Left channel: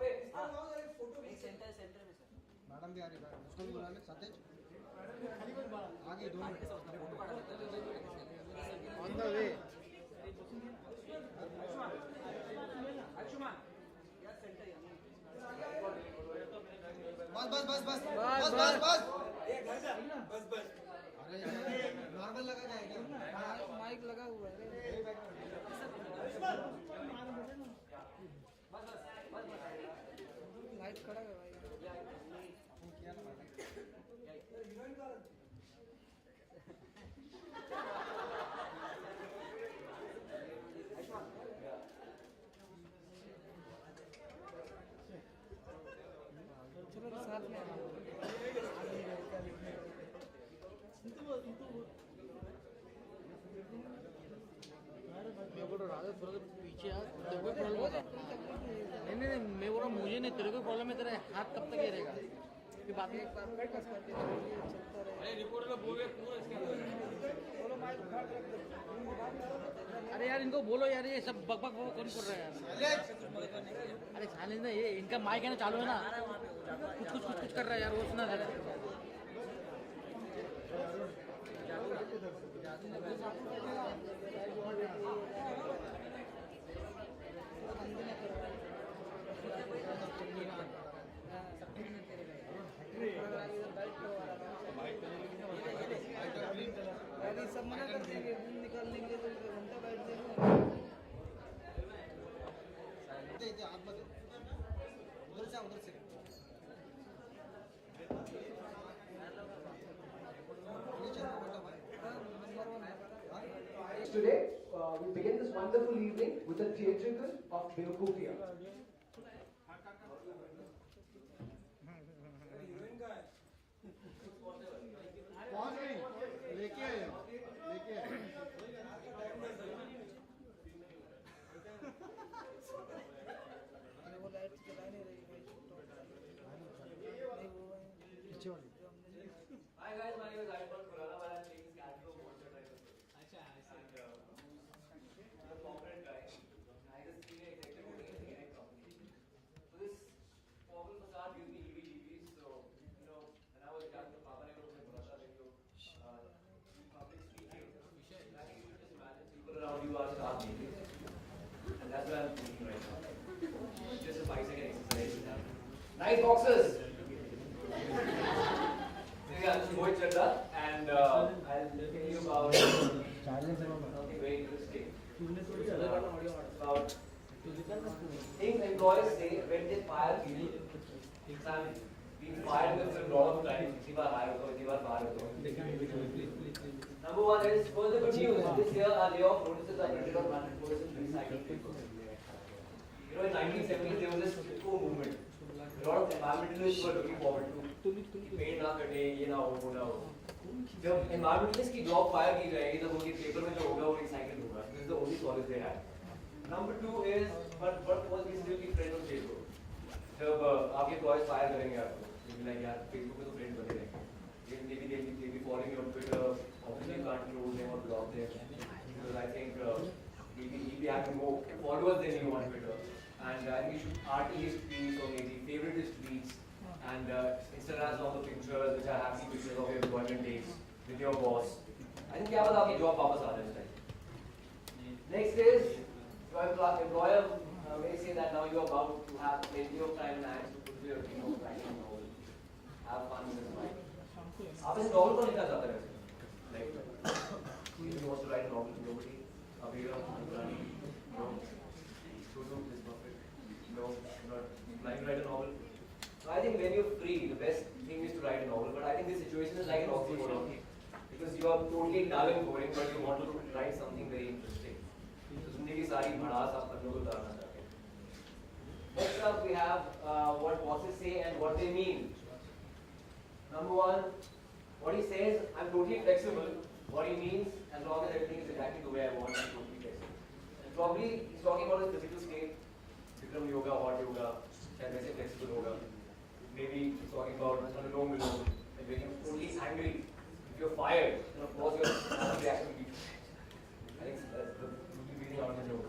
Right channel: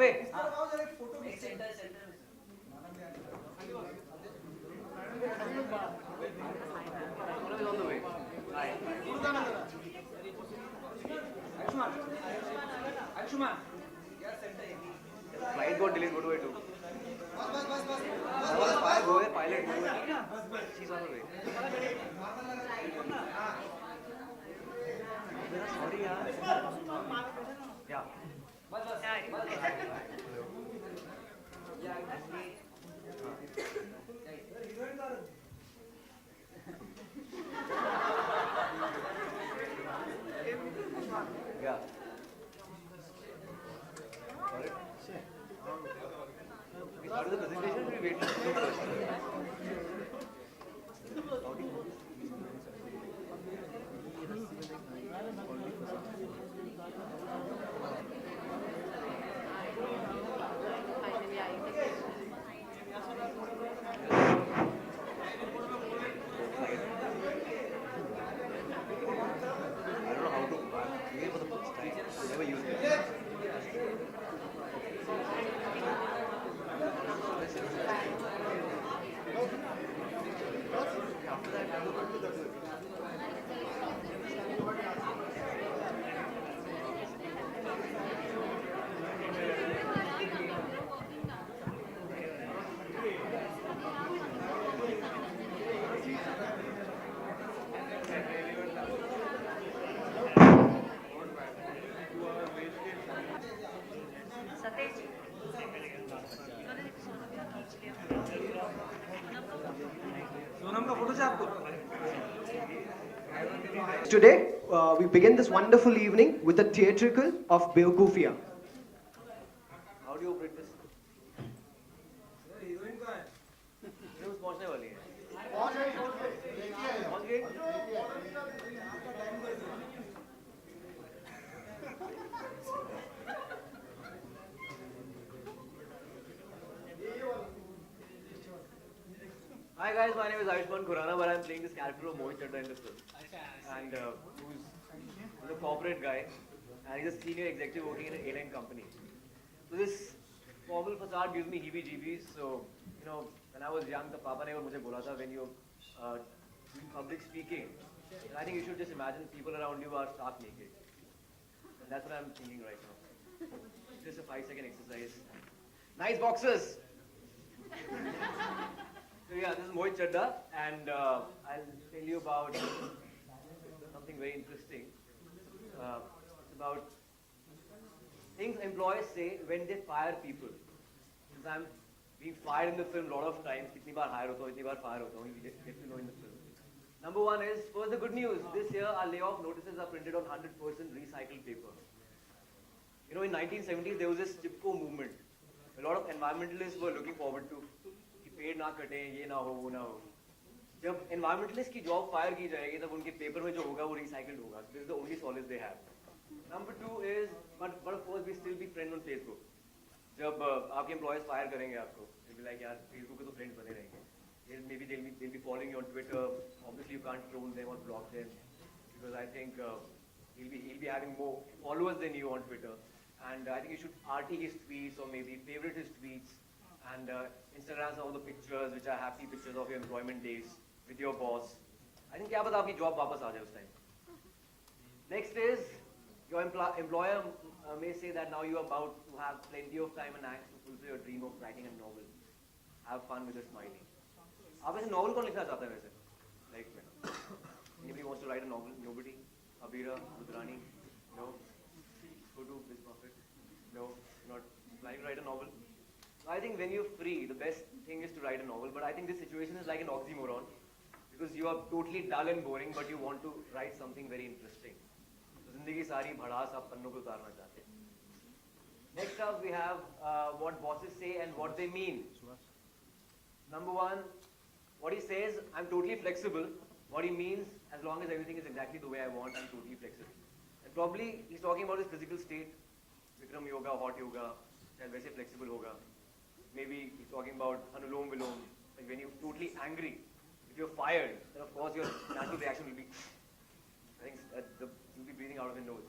पे Ayusmann. Flight got delayed. What do I do? Go ahead, pilot. She's on the way. Sorry, yeah. Yeah. We started the presentation. We wait. Never use it. Sonam Kapoor से आपको Today, we begin this wonderful evening with a theatrical of Bewakoofiyaan. How do you operate this? Heroine कहाँ है? ये बस पहुंचने वाली है. पहुंच गई. Hi guys, my name is Ayusmann Khurrana, but I'm playing this character of Mohit Chadha in this film. And who's a corporate guy, and he's a senior executive working in an airline company. So this formal facade gives me heebie-jeebies. So, you know, when I was young, the Papa never मुझे बोला था when you doing public speaking, I think you should just imagine people around you are stark naked. And that's what I'm thinking right now. Just a 5-second exercise. Nice boxes! So yeah, this is Mohit Chadha, and I'll tell you about something very interesting. About things employees say when they fire people. So I'm being fired in the film a lot of times. इतनी बार hire होता हूँ, इतनी बार fire होता हूँ. Number one is, first the good news. This year our layoff notices are printed on 100% recycled paper. You know, in 1970s there was this TIPCO movement. A lot of environmentalists were looking forward to. पेड़ ना कटे, ये ना हो, वो ना हो. जब environmentalists की job fire की जाएगी, तब उनके paper में जो होगा वो recycled होगा. This is the only solace they have. Number two is, but first we still be friends on Facebook. जब आपके employees fire करेंगे आपको, you'll be like यार Facebook पे तो friends बने रहेंगे. Maybe they'll be following you on Twitter. Obviously you can't troll them or block them because I think he'll be having more followers than you on Twitter. And I think you should RT his tweets or maybe favorite his tweets and Instagram all the pictures which are happy pictures of your employment dates with your boss. I think क्या पता आपकी job वापस आ जाए उस time. Next is your employer may say that now you are bound to have plenty of time and hands to fulfill your dream of writing a novel. Have fun with this mind. आप इस novel को लिखना चाहते हैं like maybe he wants to write a novel. Nobody, Abira, Rani, no, Sulu is perfect. No, not like write a novel. So I think when you're free, the best thing is to write a novel. But I think this situation is like an oxymoron because you are totally dull and boring, but you want to write something very interesting. So जिंदगी सारी भड़ास आप पन्नों को उतारना चाहते हैं. Next up we have what bosses say and what they mean. Number one, what he says, I'm totally flexible. What he means, as long as everything is exactly the way I want, I'm totally flexible. And probably he's talking about his physical state. Bikram yoga, hot yoga, शायद वैसे flexible होगा. Maybe he's talking about Anulom Vilom, like when you're totally angry, if you're fired, then of course your normal reaction will be, I think you'll be breathing out of his nose.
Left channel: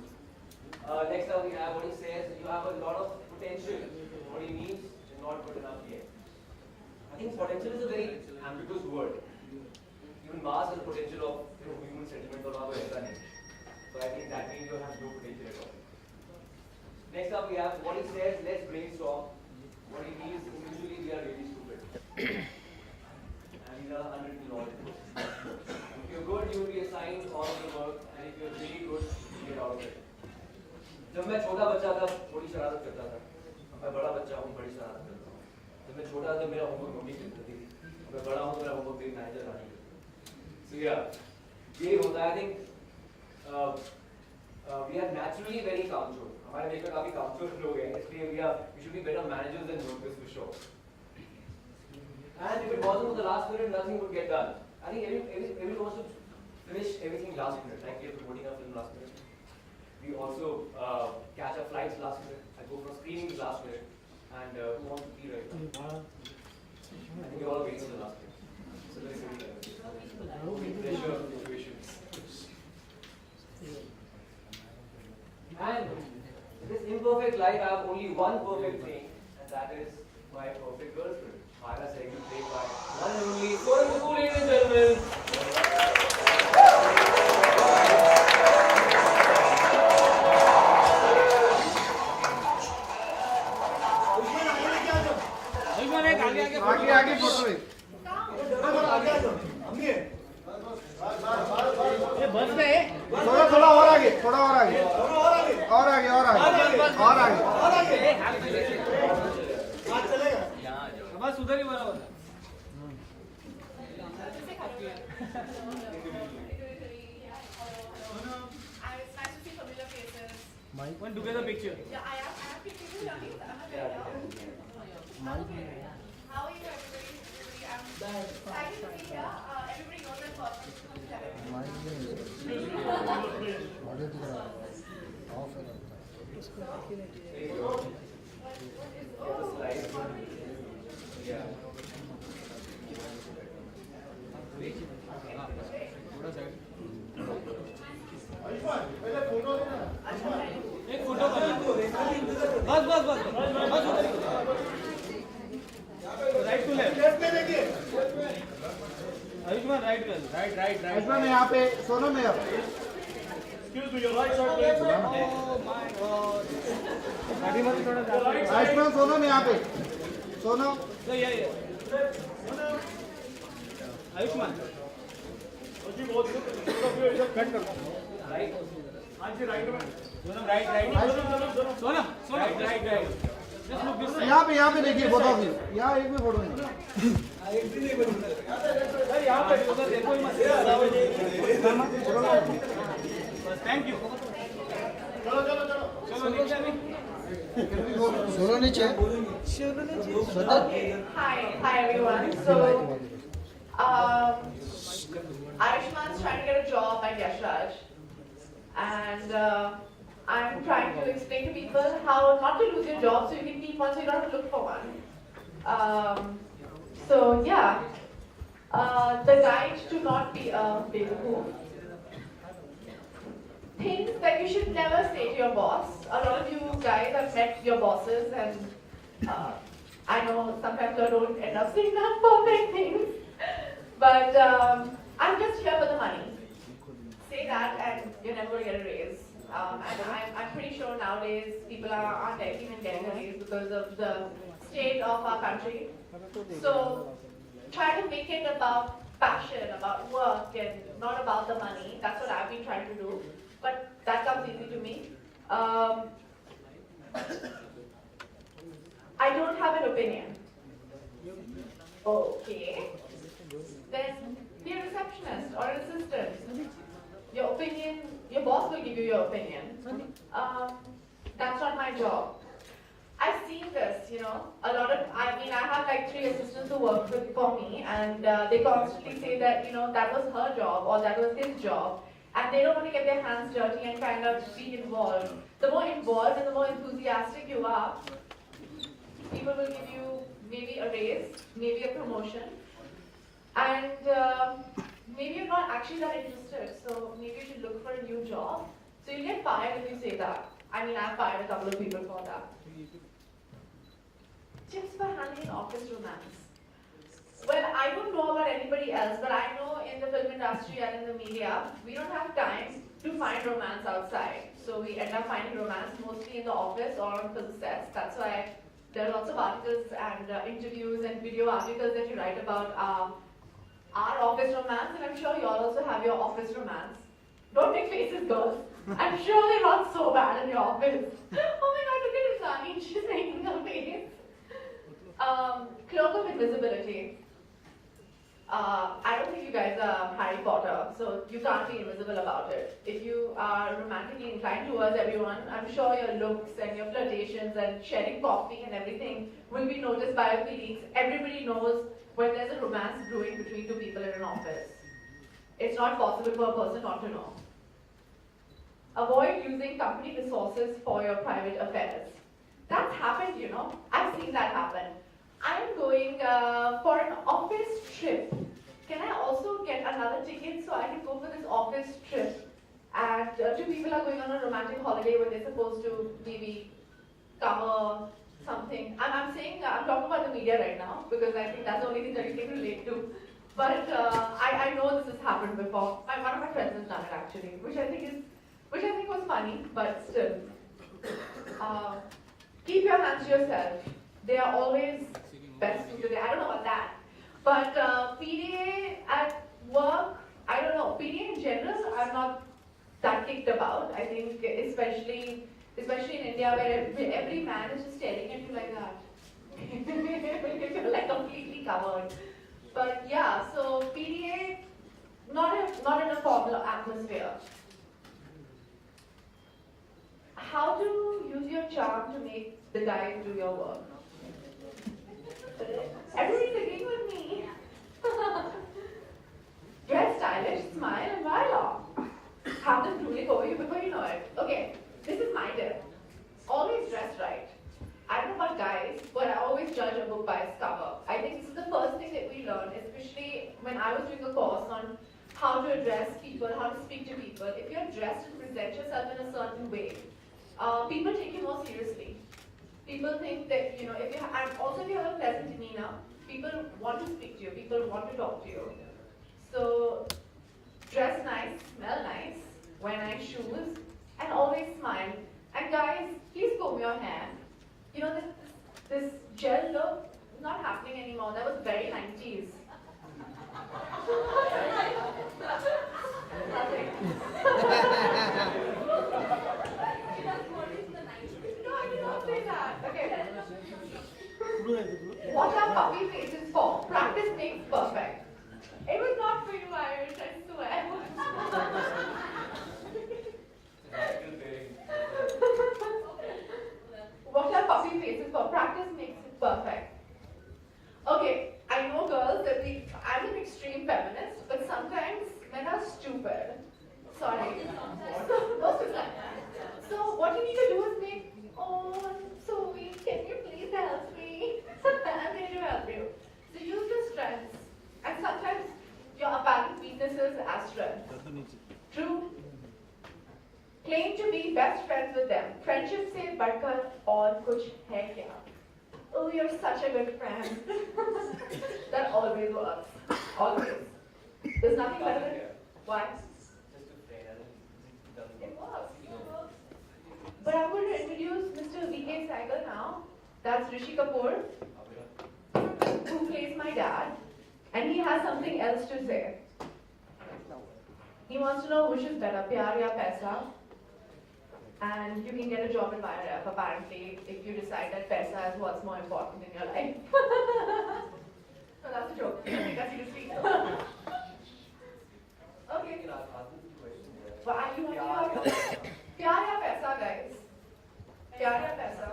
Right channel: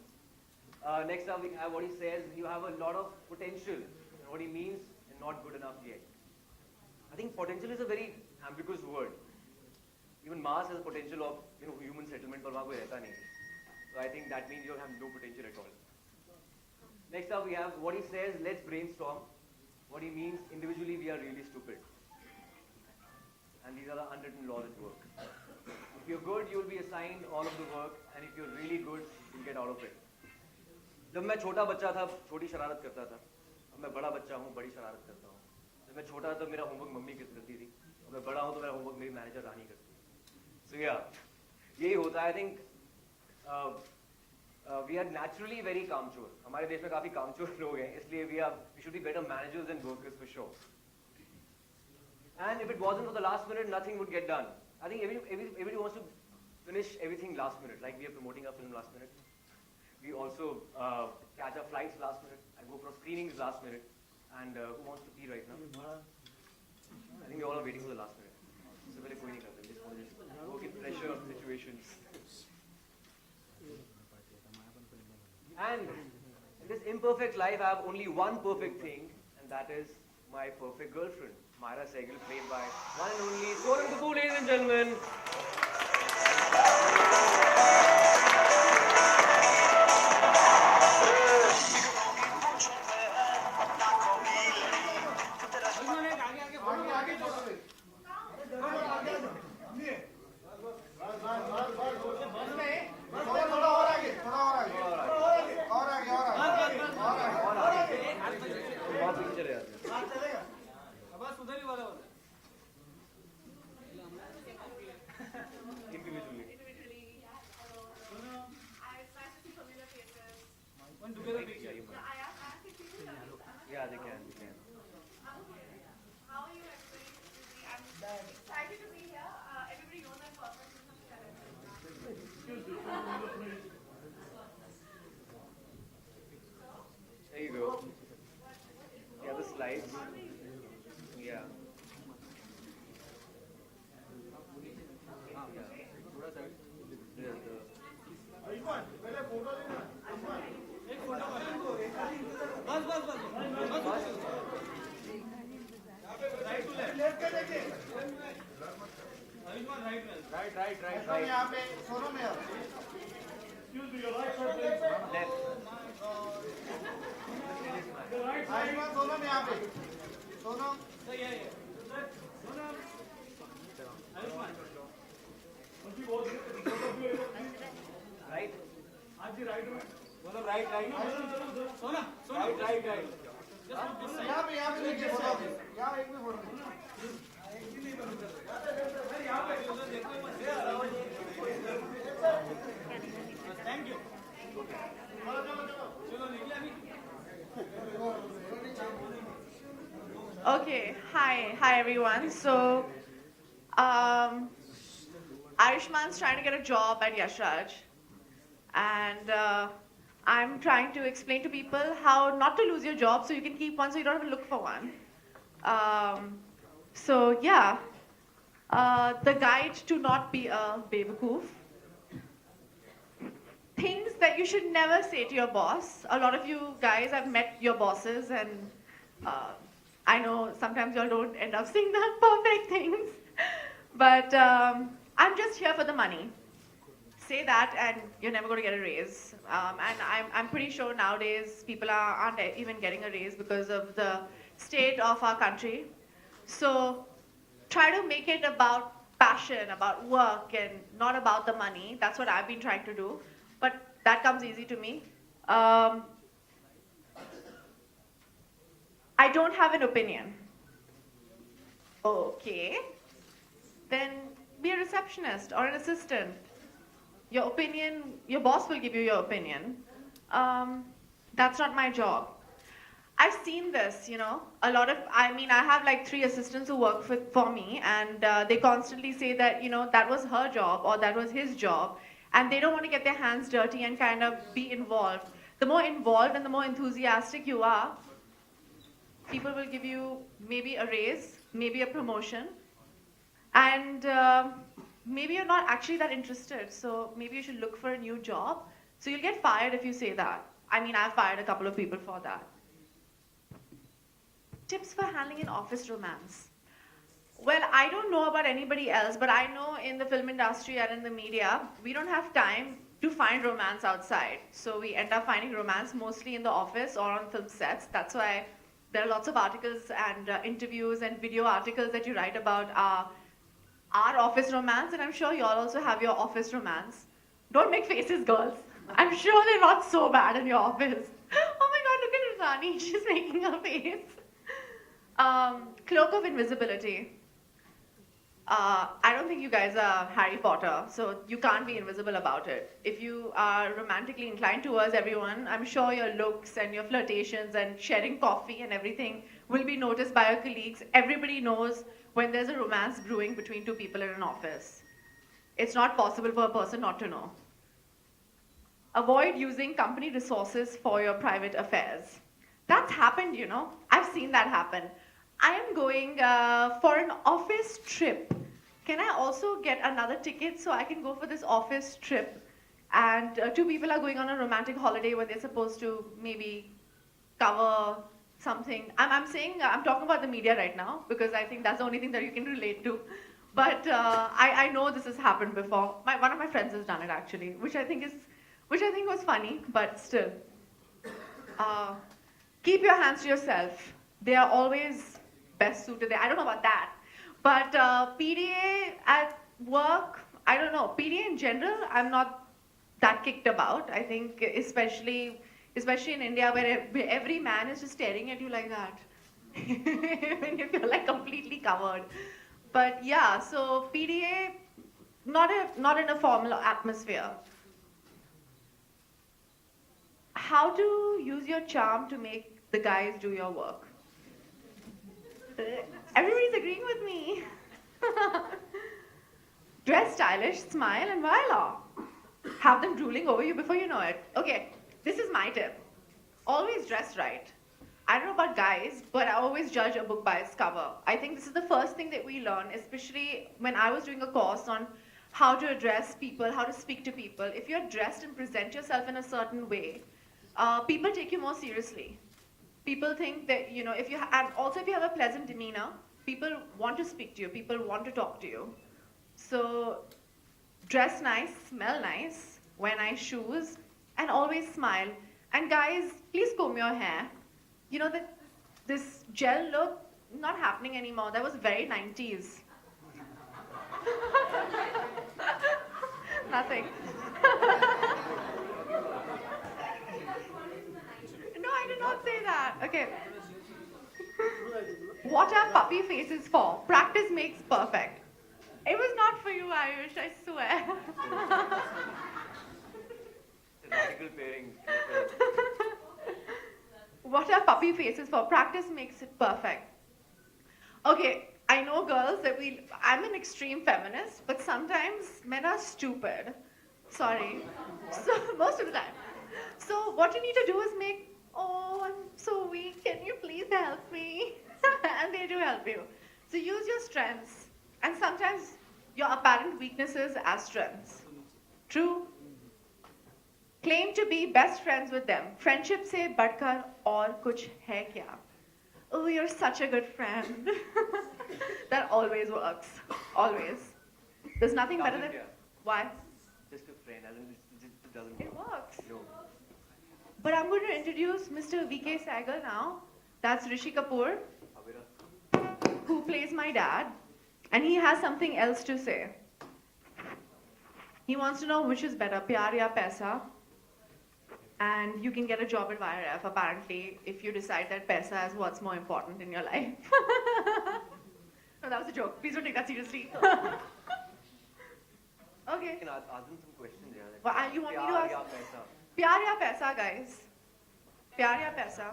Next up, we have what he says, you have a lot of potential. What he means, you're not good enough yet. I think potential is a very ambiguous word. Even Mars has potential of human settlement, but वहाँ कोई ऐसा नहीं. So I think that means you have no potential at all. Next up, we have what he says, let's brainstorm. What he means, individually we are really stupid. And these are unwritten laws. If you're good, you will be assigned all the work, and if you're really good, you'll get out of it. जब मैं छोटा बच्चा था, छोटी शरारत करता था. अब मैं बड़ा बच्चा हूँ, बड़ी शरारत करता हूँ. जब मैं छोटा था, मेरा होमवर्क मम्मी करती थी. अब मैं बड़ा हूँ तो मेरा होमवर्क मेरी मैनेजर रानी करती है. So yeah, यही होता है. I think we are naturally very कामचोर. हमारे देश में काफी कामचोर लोग हैं, इसलिए we should be better managers than workers for sure. And if it wasn't for the last minute, nothing would get done. I think everybody wants to finish everything last minute, like we are promoting our film last minute. We also catch our flights last minute. I go for screenings last minute. And who wants to pee right now? I think we all are waiting for the last minute. So very good. Pressure situations. And in this imperfect life, I have only one perfect thing, and that is my perfect girlfriend. Myra Sehgal, played by one and only Sonam Kapoor, ladies and gentlemen. आगे photo है। बस में थोड़ा और आगे, थोड़ा और आगे, और आगे, और आगे, और आगे, और आगे। चलेगा। बस उधर ही बराबर। One together picture. Yeah, I have pictures of How are you, everybody? I'm excited to be here. Everybody knows that person from television. There you go. Yeah, the slide. Yeah. एक फोटो बस बस बस right to left में देखिए Ayushman right Ayushman यहाँ पे सोनम में excuse me your right side please oh my God Ayushman Sonam यहाँ पे सोनम तो ये आयुष्मान जी बहुत कट कर राइट हाँ जी राइट में राइट यहाँ पे देखिए फोटो भी यहाँ एक भी फोटो नहीं यहाँ पे उधर देखो ही मत थैंक यू चलो नीचे Okay, hi everyone. So, Ayushman's trying to get a job at Yash Raj, and I'm trying to explain to people how not to lose your job so you can keep one, so you don't have to look for one. So yeah, the guide to not be a Bewakoof. Things that you should never say to your boss. A lot of you guys have met your bosses, and I know sometimes you all don't end up saying the perfect things, but I'm just here for the money. Say that and you're never going to get a raise. And I'm pretty sure nowadays people aren't even getting a raise because of the state of our country. So try to make it about passion, about work, and not about the money. That's what I've been trying to do. But that comes easy to me. I don't have an opinion. Okay. Then be a receptionist or an assistant. Your opinion, your boss will give you your opinion. That's not my job. I've seen this, you know, I have like 3 assistants who work for me, and they constantly say that, you know, that was her job or that was his job, and they don't want to get their hands dirty and kind of be involved. The more involved and the more enthusiastic you are, people will give you maybe a raise, maybe a promotion, and maybe you're not actually that interested, so maybe you should look for a new job. So you'll get fired if you say that. I mean, I've fired a couple of people for that. Tips for handling an office romance. Well, I don't know about anybody else, but I know in the film industry and in the media, we don't have time to find romance outside. So we end up finding romance mostly in the office or on film sets. That's why there are lots of articles and interviews and video articles that you write about our office romance, and I'm sure you all also have your office romance. Don't make faces, girls. I'm sure they're not so bad in your office. Oh my god, look at Rani, she's making a face. Cloak of invisibility. I don't think you guys are Harry Potter, so you can't be invisible about it. If you are romantically inclined towards everyone, I'm sure your looks and your flirtations and sharing coffee and everything will be noticed by your colleagues. Everybody knows when there's a romance brewing between two people in an office. It's not possible for a person not to know. Avoid using company resources for your private affairs. That's happened, you know. I've seen that happen. I'm going for an office trip. Can I also get another ticket so I can go for this office trip? And two people are going on a romantic holiday when they're supposed to maybe cover something. I'm talking about the media right now because I think that's the only thing that you can relate to. But I know this has happened before. One of my friends has done it actually, which I think was funny, but still. Keep your hands to yourself. They are always best suited there. I don't know about that. But PDA at work, I don't know. PDA in general, I'm not that kicked about. I think especially in India where every man is just staring at you like that. If you're like completely covered. But yeah, so PDA, not in a formal atmosphere. How to use your charm to make the guys do your work? Everybody's agreeing with me. Dress stylish, smile, and voila. Have them drooling over you before you know it. Okay, this is my tip. Always dress right. I don't know about guys, but I always judge a book by its cover. I think this is the first thing that we learn, especially when I was doing a course on how to address people, how to speak to people. If you're dressed and present yourself in a certain way, people take you more seriously. People think that, you know, if you have a pleasant demeanor, people want to speak to you, people want to talk to you. So dress nice, smell nice, wear nice shoes, and always smile. And guys, please comb your hair. You know, this gel look, not happening anymore. That was very 90s. Nothing. No, I did not say that. Okay. What are puppy faces for? Practice makes perfect. It was not for you, Ayush, I swear. What are puppy faces for? Practice makes it perfect. Okay, I know girls that I'm an extreme feminist, but sometimes men are stupid. Sorry. So, most of the time. So what you need to do is make, oh, I'm so weak, can you please help me? And they do help you. So use your strengths, and sometimes your apparent weaknesses as strengths. True? Claim to be best friends with them. Friendship se badkar aur kuch hai kya? Oh, you're such a good friend. That always works. Always. There's nothing better than... Why? Just a friend, it doesn't It works. But I'm going to introduce Mr. V.K. Sehgal now. That's Rishi Kapoor, who plays my dad. And he has something else to say. He wants to know which is better, pyar ya paisa. And you can get a job at YRF apparently if you decide that paisa is what's more important in your life. No, that was a joke. Please don't take that seriously. Okay. Can I ask you a question? Well, you want me to ask? Pyar ya paisa, guys? Pyar ya paisa?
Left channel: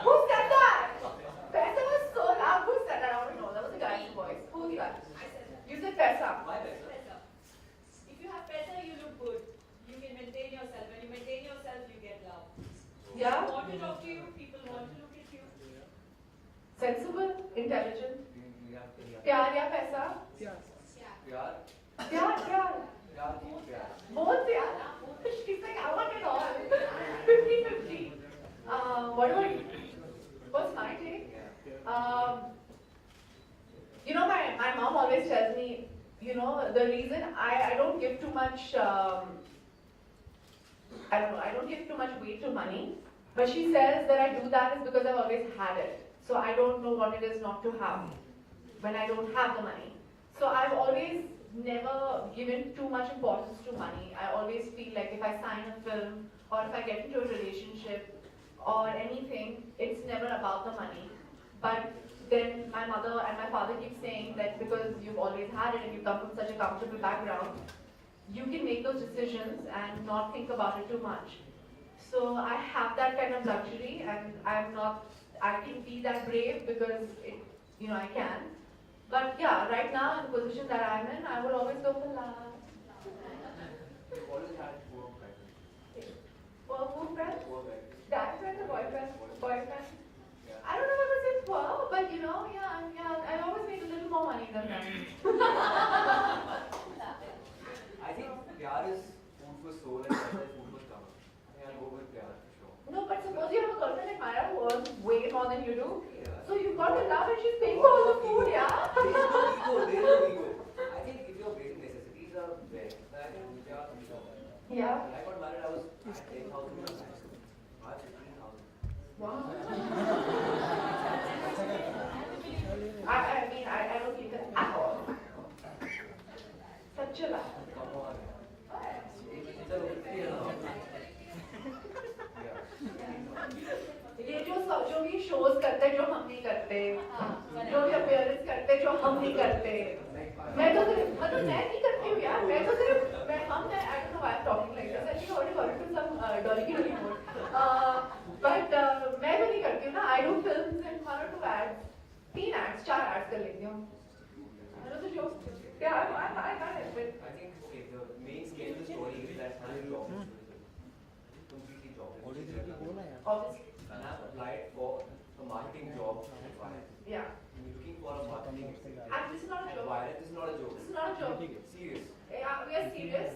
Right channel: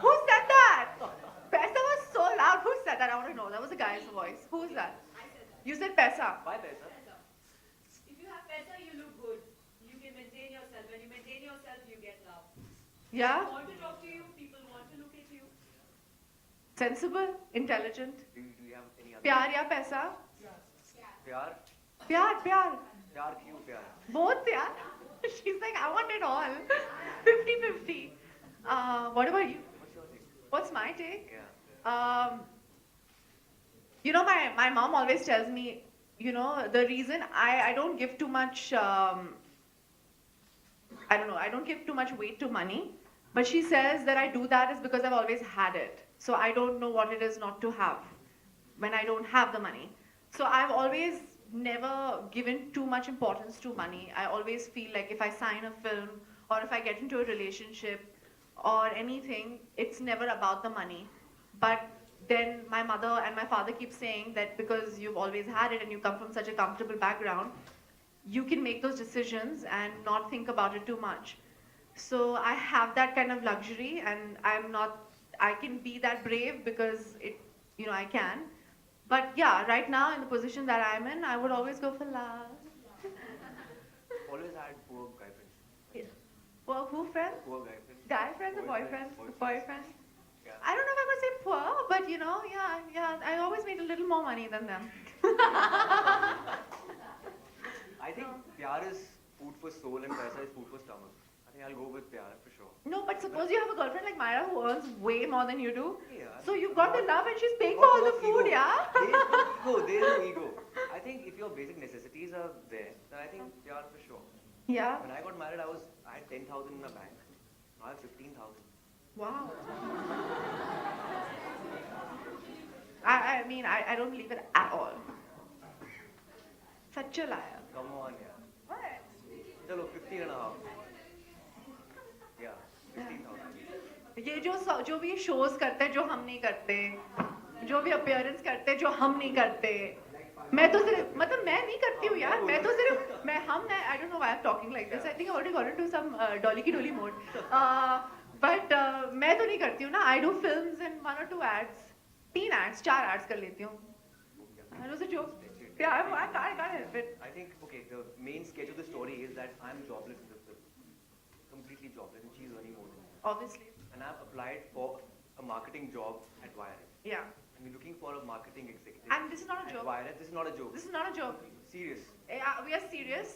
Who said that? Paisa was so loud. Who said that? I want to know. That was a guy's voice. Who's that? You said paisa. Why paisa? If you have paisa, you look good. You can maintain yourself. When you maintain yourself, you get love. Yeah? People want to talk to you. People want to look at you. Sensible, intelligent. Do you have any other? Pyar ya paisa? Pyar? Pyar, pyar. Pyar, kyun pyar? Both, yeah. She's like, I want it all. What about you? What's my take? Yeah. You know, my mom always tells me, you know, the reason I don't give too much, I don't know, I don't give too much weight to money. But she says that I do that is because I've always had it. So I don't know what it is not to have when I don't have the money. So I've always never given too much importance to money. I always feel like if I sign a film or if I get into a relationship or anything, it's never about the money. But then my mother and my father keep saying that because you've always had it and you come from such a comfortable background, you can make those decisions and not think about it too much. So I have that kind of luxury, and I can be that brave because I can. But yeah, right now in the position that I'm in, I would always go for love. You've always had poor guys. For who friends? Poor guys. Guy friends or boyfriends? Boyfriends? Yeah. I don't know if I would say poor, but yeah, I always made a little more money than them. I think pyar is food for soul and paisa is food for stomach. I think I'll go with pyar for sure. No, but suppose you have a girlfriend like Myra who earns way more than you do. Yeah. So you've got the love and she's paying for all the food, yeah? There is no ego. I think if your basic necessities are there, then I think pyar for sure. Yeah. When I got married, I had 10,000 in the bank. Now I have 15,000. Wow. I mean, I don't believe it at all. Such a lie. Come on, yeah. What? Chalo, 50 and a half. Yeah, 15,000. ये जो भी shows करते हैं जो हम नहीं करते, जो भी appearance करते हैं जो हम नहीं करते, मैं तो सिर्फ मतलब मैं नहीं करती हूँ यार, मैं तो सिर्फ I don't know why I'm talking like this. I think I already got into some dolly ki dolly mode. But मैं तो नहीं करती हूँ ना. I do films and 1 or 2 ads, 3 ads, 4 ads कर लेती हूँ. That was a joke. Yeah, I can't help it. I think, okay, the main scale of the story is that I'm jobless. Completely jobless. Which is very good. Obviously. And I've applied for a marketing job at Wire. Yeah. I'm looking for a marketing executive. And this is not a At joke. Wire. This is not a joke. This is not a joke. Serious. We are serious.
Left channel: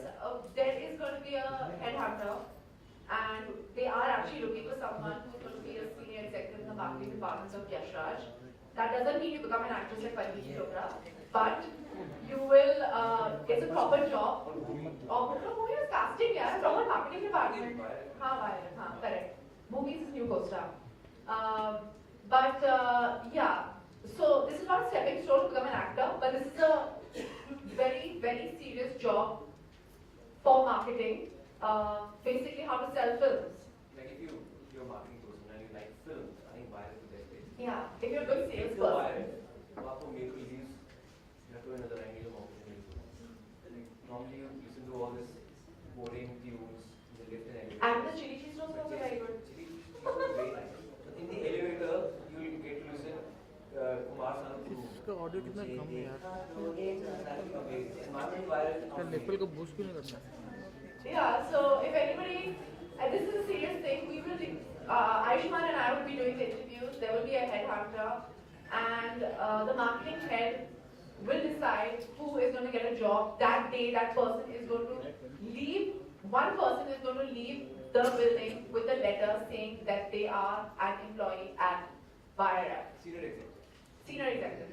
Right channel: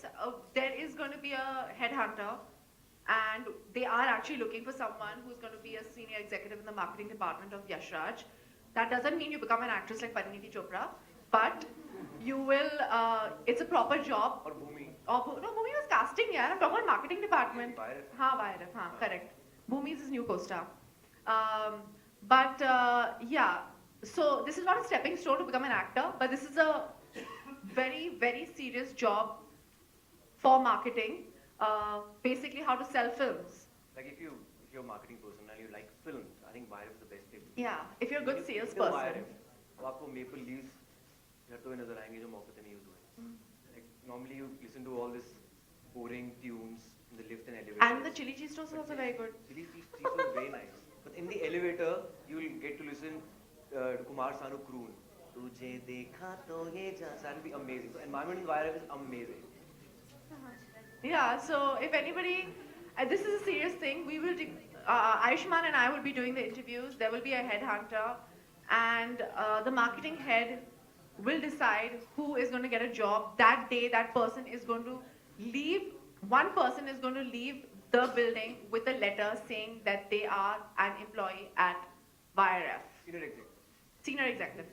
There is going to be a headhunter, and they are actually looking for someone who's going to be a senior executive in the marketing department of Yash Raj. That doesn't mean you become an actress like Pariniti Chopra, but you will. It's a proper job. Or Bhumi. No, Bhumi was casting, yeah, proper marketing department. Wire. Correct. Bhumi's his new co-star. Yeah. So this is not a stepping stone to become an actor, but this is a very, very serious job for marketing. Basically, how to sell films. Like if you're a marketing person and you like films, I think Wire is the best place. Yeah, if you're a good Wire, salesperson. आपको Maple Leaves या तो नजर आएंगे जो मौके पे नहीं हुए. Like normally you listen to all this boring tunes in the lift and elevator. And the chili cheese toast was also very good. Chili cheese is very nice. But in the elevator, you will get to listen Kumar Sanu croon. मुझे देखा तो ये that will be amazing. Environment Wire is amazing. Yeah, so if anybody, this is a serious thing, we will, Ayusmann and I will be doing the interviews, there will be a headhunter, and the marketing head will decide who is going to get a job. That day, that person is going to leave, one person is going to leave the building with a letter saying that they are an employee at YRF. Senior executive. Senior executive.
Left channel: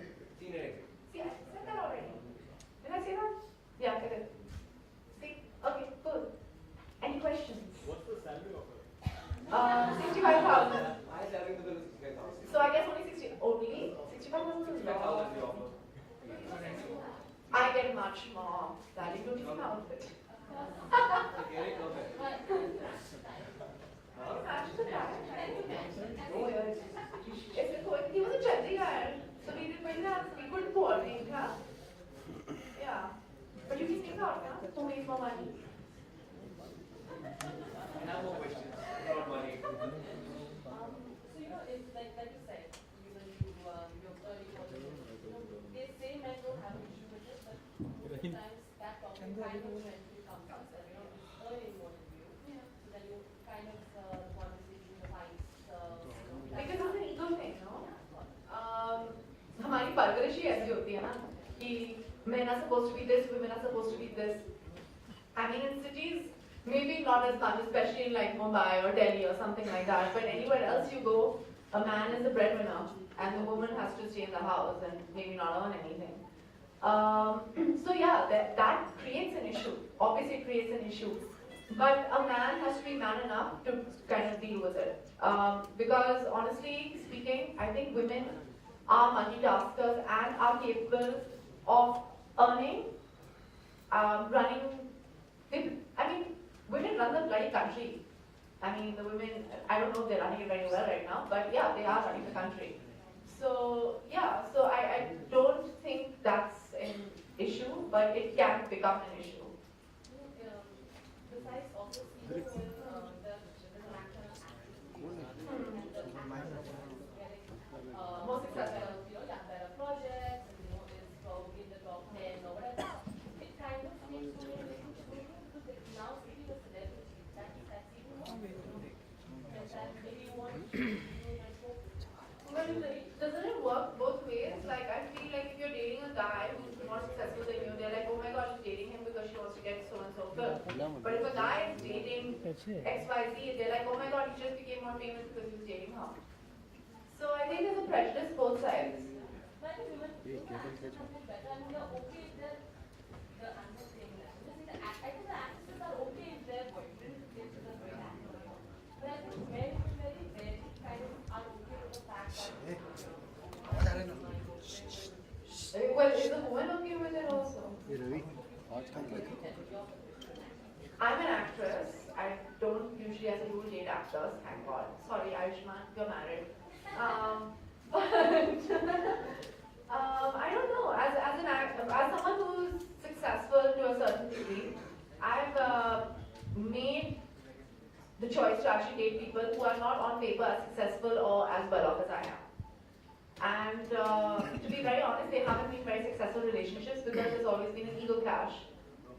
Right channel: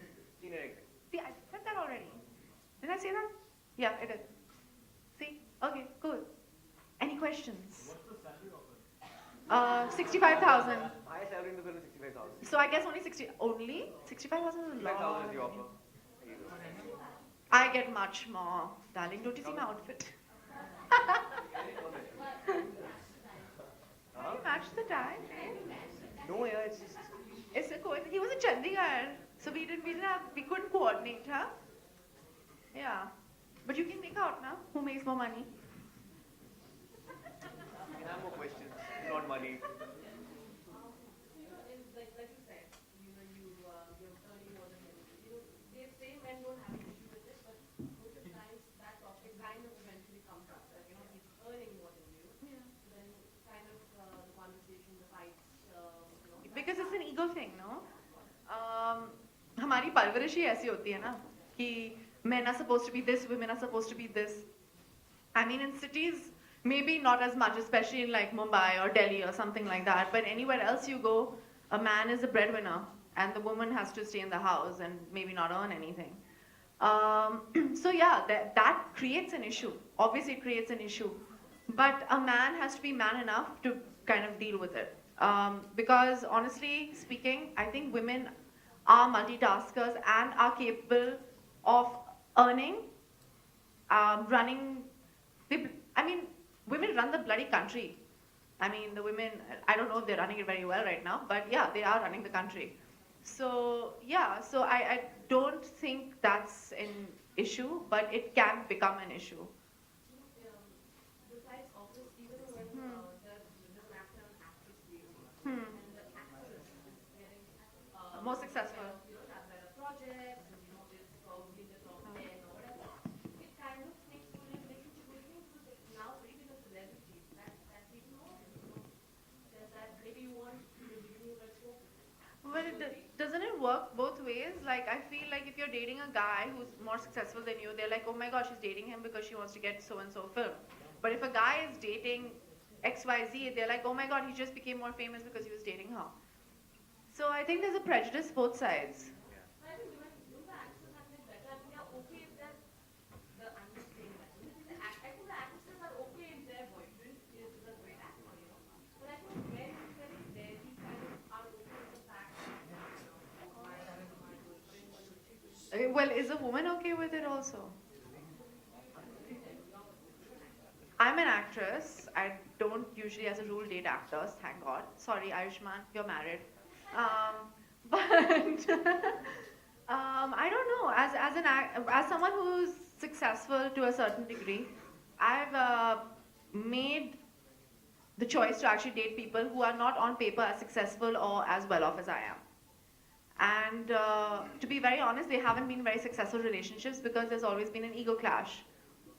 Senior executive. See, I said that already. Did I say that? Yeah, I did. See? Okay, cool. Any questions? What's the salary offer? 65,000. My salary in the film is 65,000. So I guess only 65,000 is a 65,000 lot. is the offer. I get much more. Darling, don't you see my outfit? Really perfect. Can you match the tie? No, yeah, it's just. It's a cool. He was a Chandigarh, so we couldn't coordinate, huh? Yeah. But you can think out now. Who makes more money? I have more questions, not money. So it's like you said, you're early model. They say men don't have an issue with it, but sometimes that topic kind of eventually comes up that it's earning more than you. So then you kind of the conversation, the fights, Because it's an ego thing, no? हमारी परवरिश ही ऐसी होती है ना कि men are supposed to be this, women are supposed to be this. I mean, in cities, Maybe not as much, especially in like Mumbai or Delhi or something like that. But anywhere else you go, a man is the breadwinner, and the woman has to stay in the house and maybe not earn anything. So yeah, that creates an issue. Obviously, it creates an issue. But a man has to be man enough to kind of deal with it. Because honestly speaking, I think women are multitaskers and are capable of earning, running. I mean, women run the bloody country. I mean, the women, I don't know if they're running it very well right now, but yeah, they are running the country. So yeah, so I don't think that's an issue, but it can become an issue. Besides obviously when the actor and actress Hmm. and the actor is getting More successful. better projects, and is probably in the top 10 or whatever. It kind of takes away relationship with me because now speaking of celebrities, that's even more difficult. And that maybe you want to do like But doesn't it work both ways? Like, I feel like if you're dating a guy who's more successful than you, they're like, oh my gosh, she's dating him because she wants to get so and so film. But if a guy is dating XYZ, they're like, oh my god, he just became more famous because he was dating her. So I think there's a prejudice both sides. But I think women actresses have been better. I mean, they're okay if I'm just saying that. I think the actresses are okay if their boyfriend is a great actor. But men very rarely kind of are okay with the fact that Well, is the woman okay with it also? I'm an actress. I don't usually, as a rule, date actors. Thank God. Sorry, Ayusmann, you're married. But I don't know. As someone who's successful to a certain degree, I've made the choice to actually date people who are not on paper as successful or as well off as I am. And to be very honest, they haven't been very successful relationships because there's always been an ego clash,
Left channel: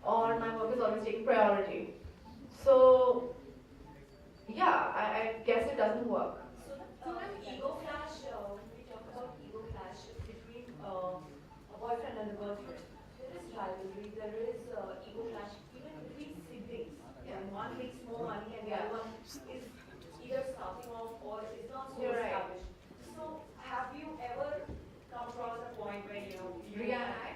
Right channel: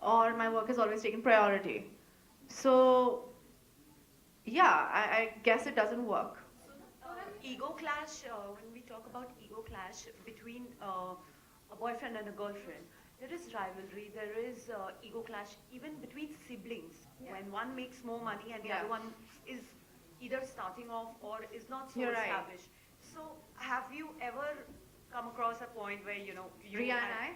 or my work has always taken priority. So, yeah, I guess it doesn't work. Ego clash, when we talk about ego clash between a boyfriend and a girlfriend, there is rivalry, there is ego clash even between siblings. When one makes more money and the other one is either starting off or is not so You're right. established. So have you ever come across a point where, you Ria and I?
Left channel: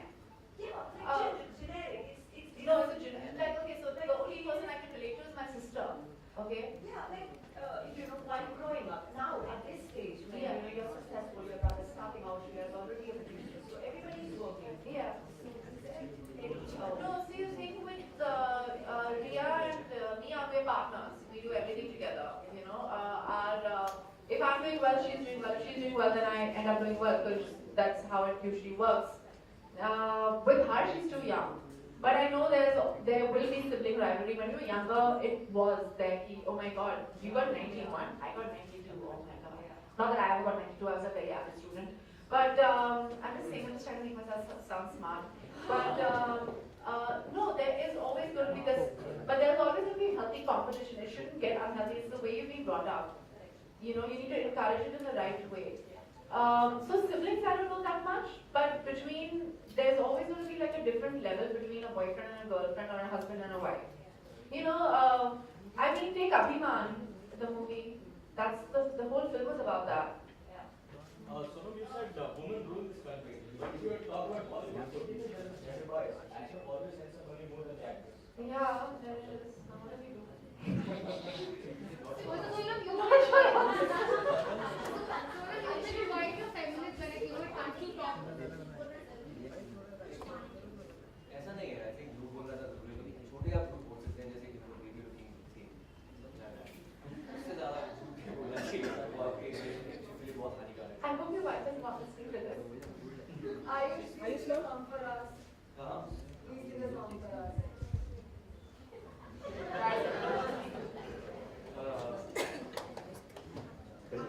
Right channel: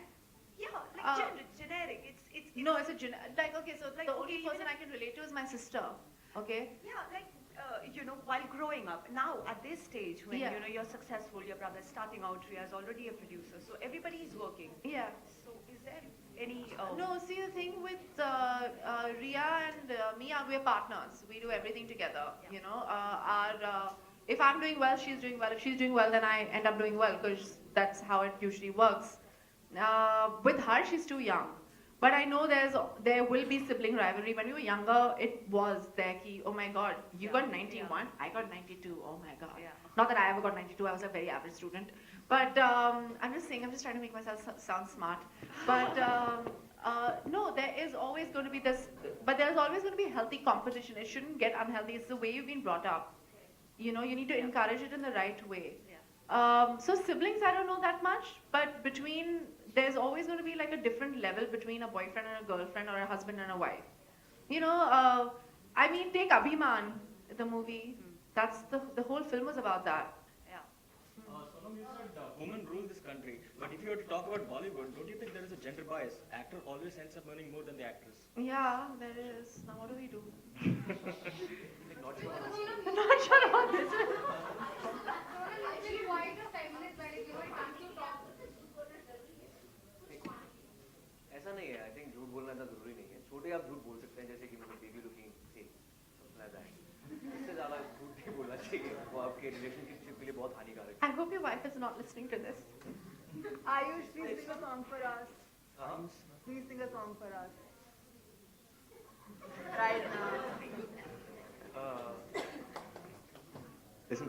Yeah, like generic. No, it's a like, okay, so the only person I can relate to is my sister. Okay? Yeah, like, while growing up, now at this stage, when Yeah. you're successful, your brother's starting out, Riya's already a producer, so everybody's working. Yeah. So is there any... No, see, the thing with Ria and me, we're partners. We do everything together, if I'm doing well, she's doing well. If she's doing well, then I end up doing well, because that's how it usually works. With her, she's too young. But I know there will be sibling rivalry. When we were younger, it was there. Oh my god, you got 91, I got 92. Oh my god. Not that I ever got 92, I was a very average student. But I'm just saying, I'm just trying to make myself sound smart. But no, there is always going to be this, but there's always going to be healthy competition. It shouldn't get unhealthy. It's the way you've been brought up. You need to encourage it in the right way. So siblings, I don't know that much, but there's always going to be like a different level between a boyfriend and a girlfriend or a husband and a wife. Take Ayusmann, the movie. That's the whole film was about that. Sonam, you said women rule this country, but if you were to talk about Bollywood, don't you think there is a gender bias? Actor always ends up earning more than the actress. Yeah, there is. Now what do we do? I'm not sure about this. Actually, why the feminist when you were actually talk ऐसा नहीं है, I think झूठ बोलना तो जरूरी नहीं है. छोटे आप झूठ बोल सकते हैं, जैसे कि मैंने baby looking thing, like that. इससे ज़्यादा झूठ नहीं बोलना चाहिए, वो आपके relationship के लिए बहुत हानिकारक है. I hope your wife is not listening to this. Ayush, please sing a song for us. हाँ. Please sing a song for us. Listen,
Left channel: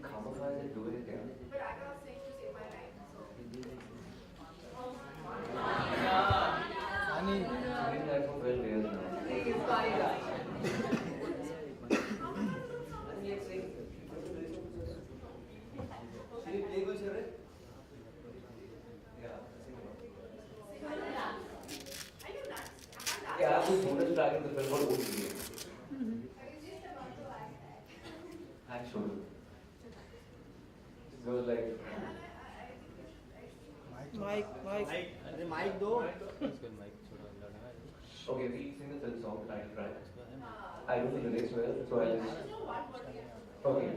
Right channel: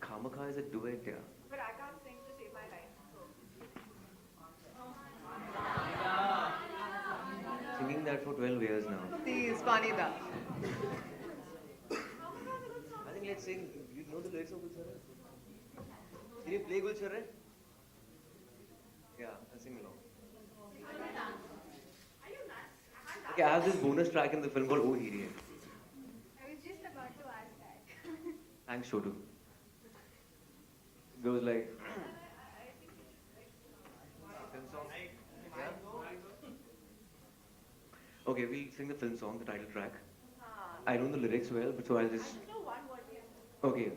Khamaka is a duet, yeah. But I can't sing to save my life. Singing that for 12 years now. Please, Vanida. I think let's sing. You play Gulsar, right? Yeah, sing along. Okay, I have this bonus track in the so do. It goes like. Okay, we'll sing the film song, the title track. I know the lyrics well, so I'll just. Okay.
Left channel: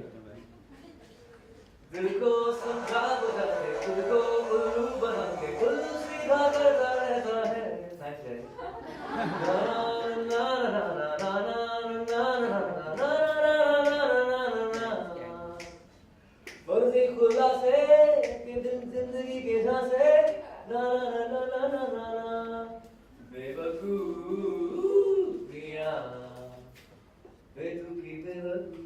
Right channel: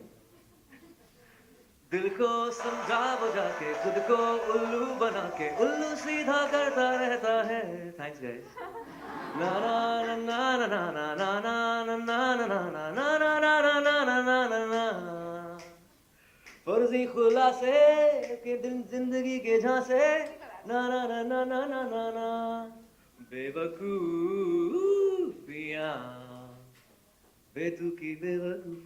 दिल को समझा बुझा के खुद को उल्लू बना के उल्लू सीधा करता रहता है. Thanks guys. Na na na na na na na na na na na na na na. फर्जी खुलासे के दिन जिंदगी के झांसे ना ना ना ना ना ना ना ना बेवकूफियाँ बेतुकी बेवकूफियाँ.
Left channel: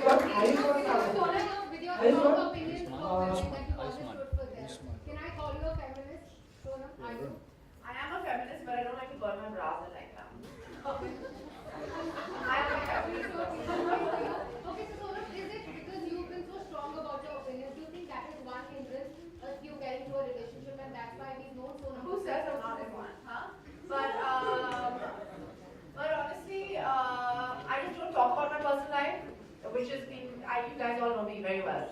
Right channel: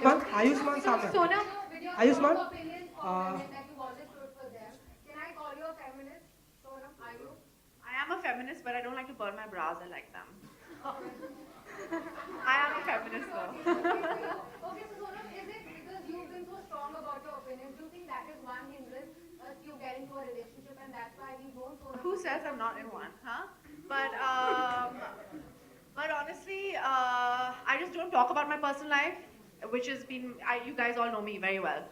But Ayusmann So, sir, Sonam, with your Ayusmann, strong opinion that you always stood for there, can I call you a feminist? Sonam, are you? I am a feminist, but I don't like to burn my bras. I like them. I am a feminist. Okay, so Sonam, is it because you've been so strong about your opinion? Do you think that is one hindrance you get into a relationship, and that's why we've known Sonam? Who says I'm not in one, huh? But honestly, I just don't talk about my personal life, which has been, you guys all know me very well.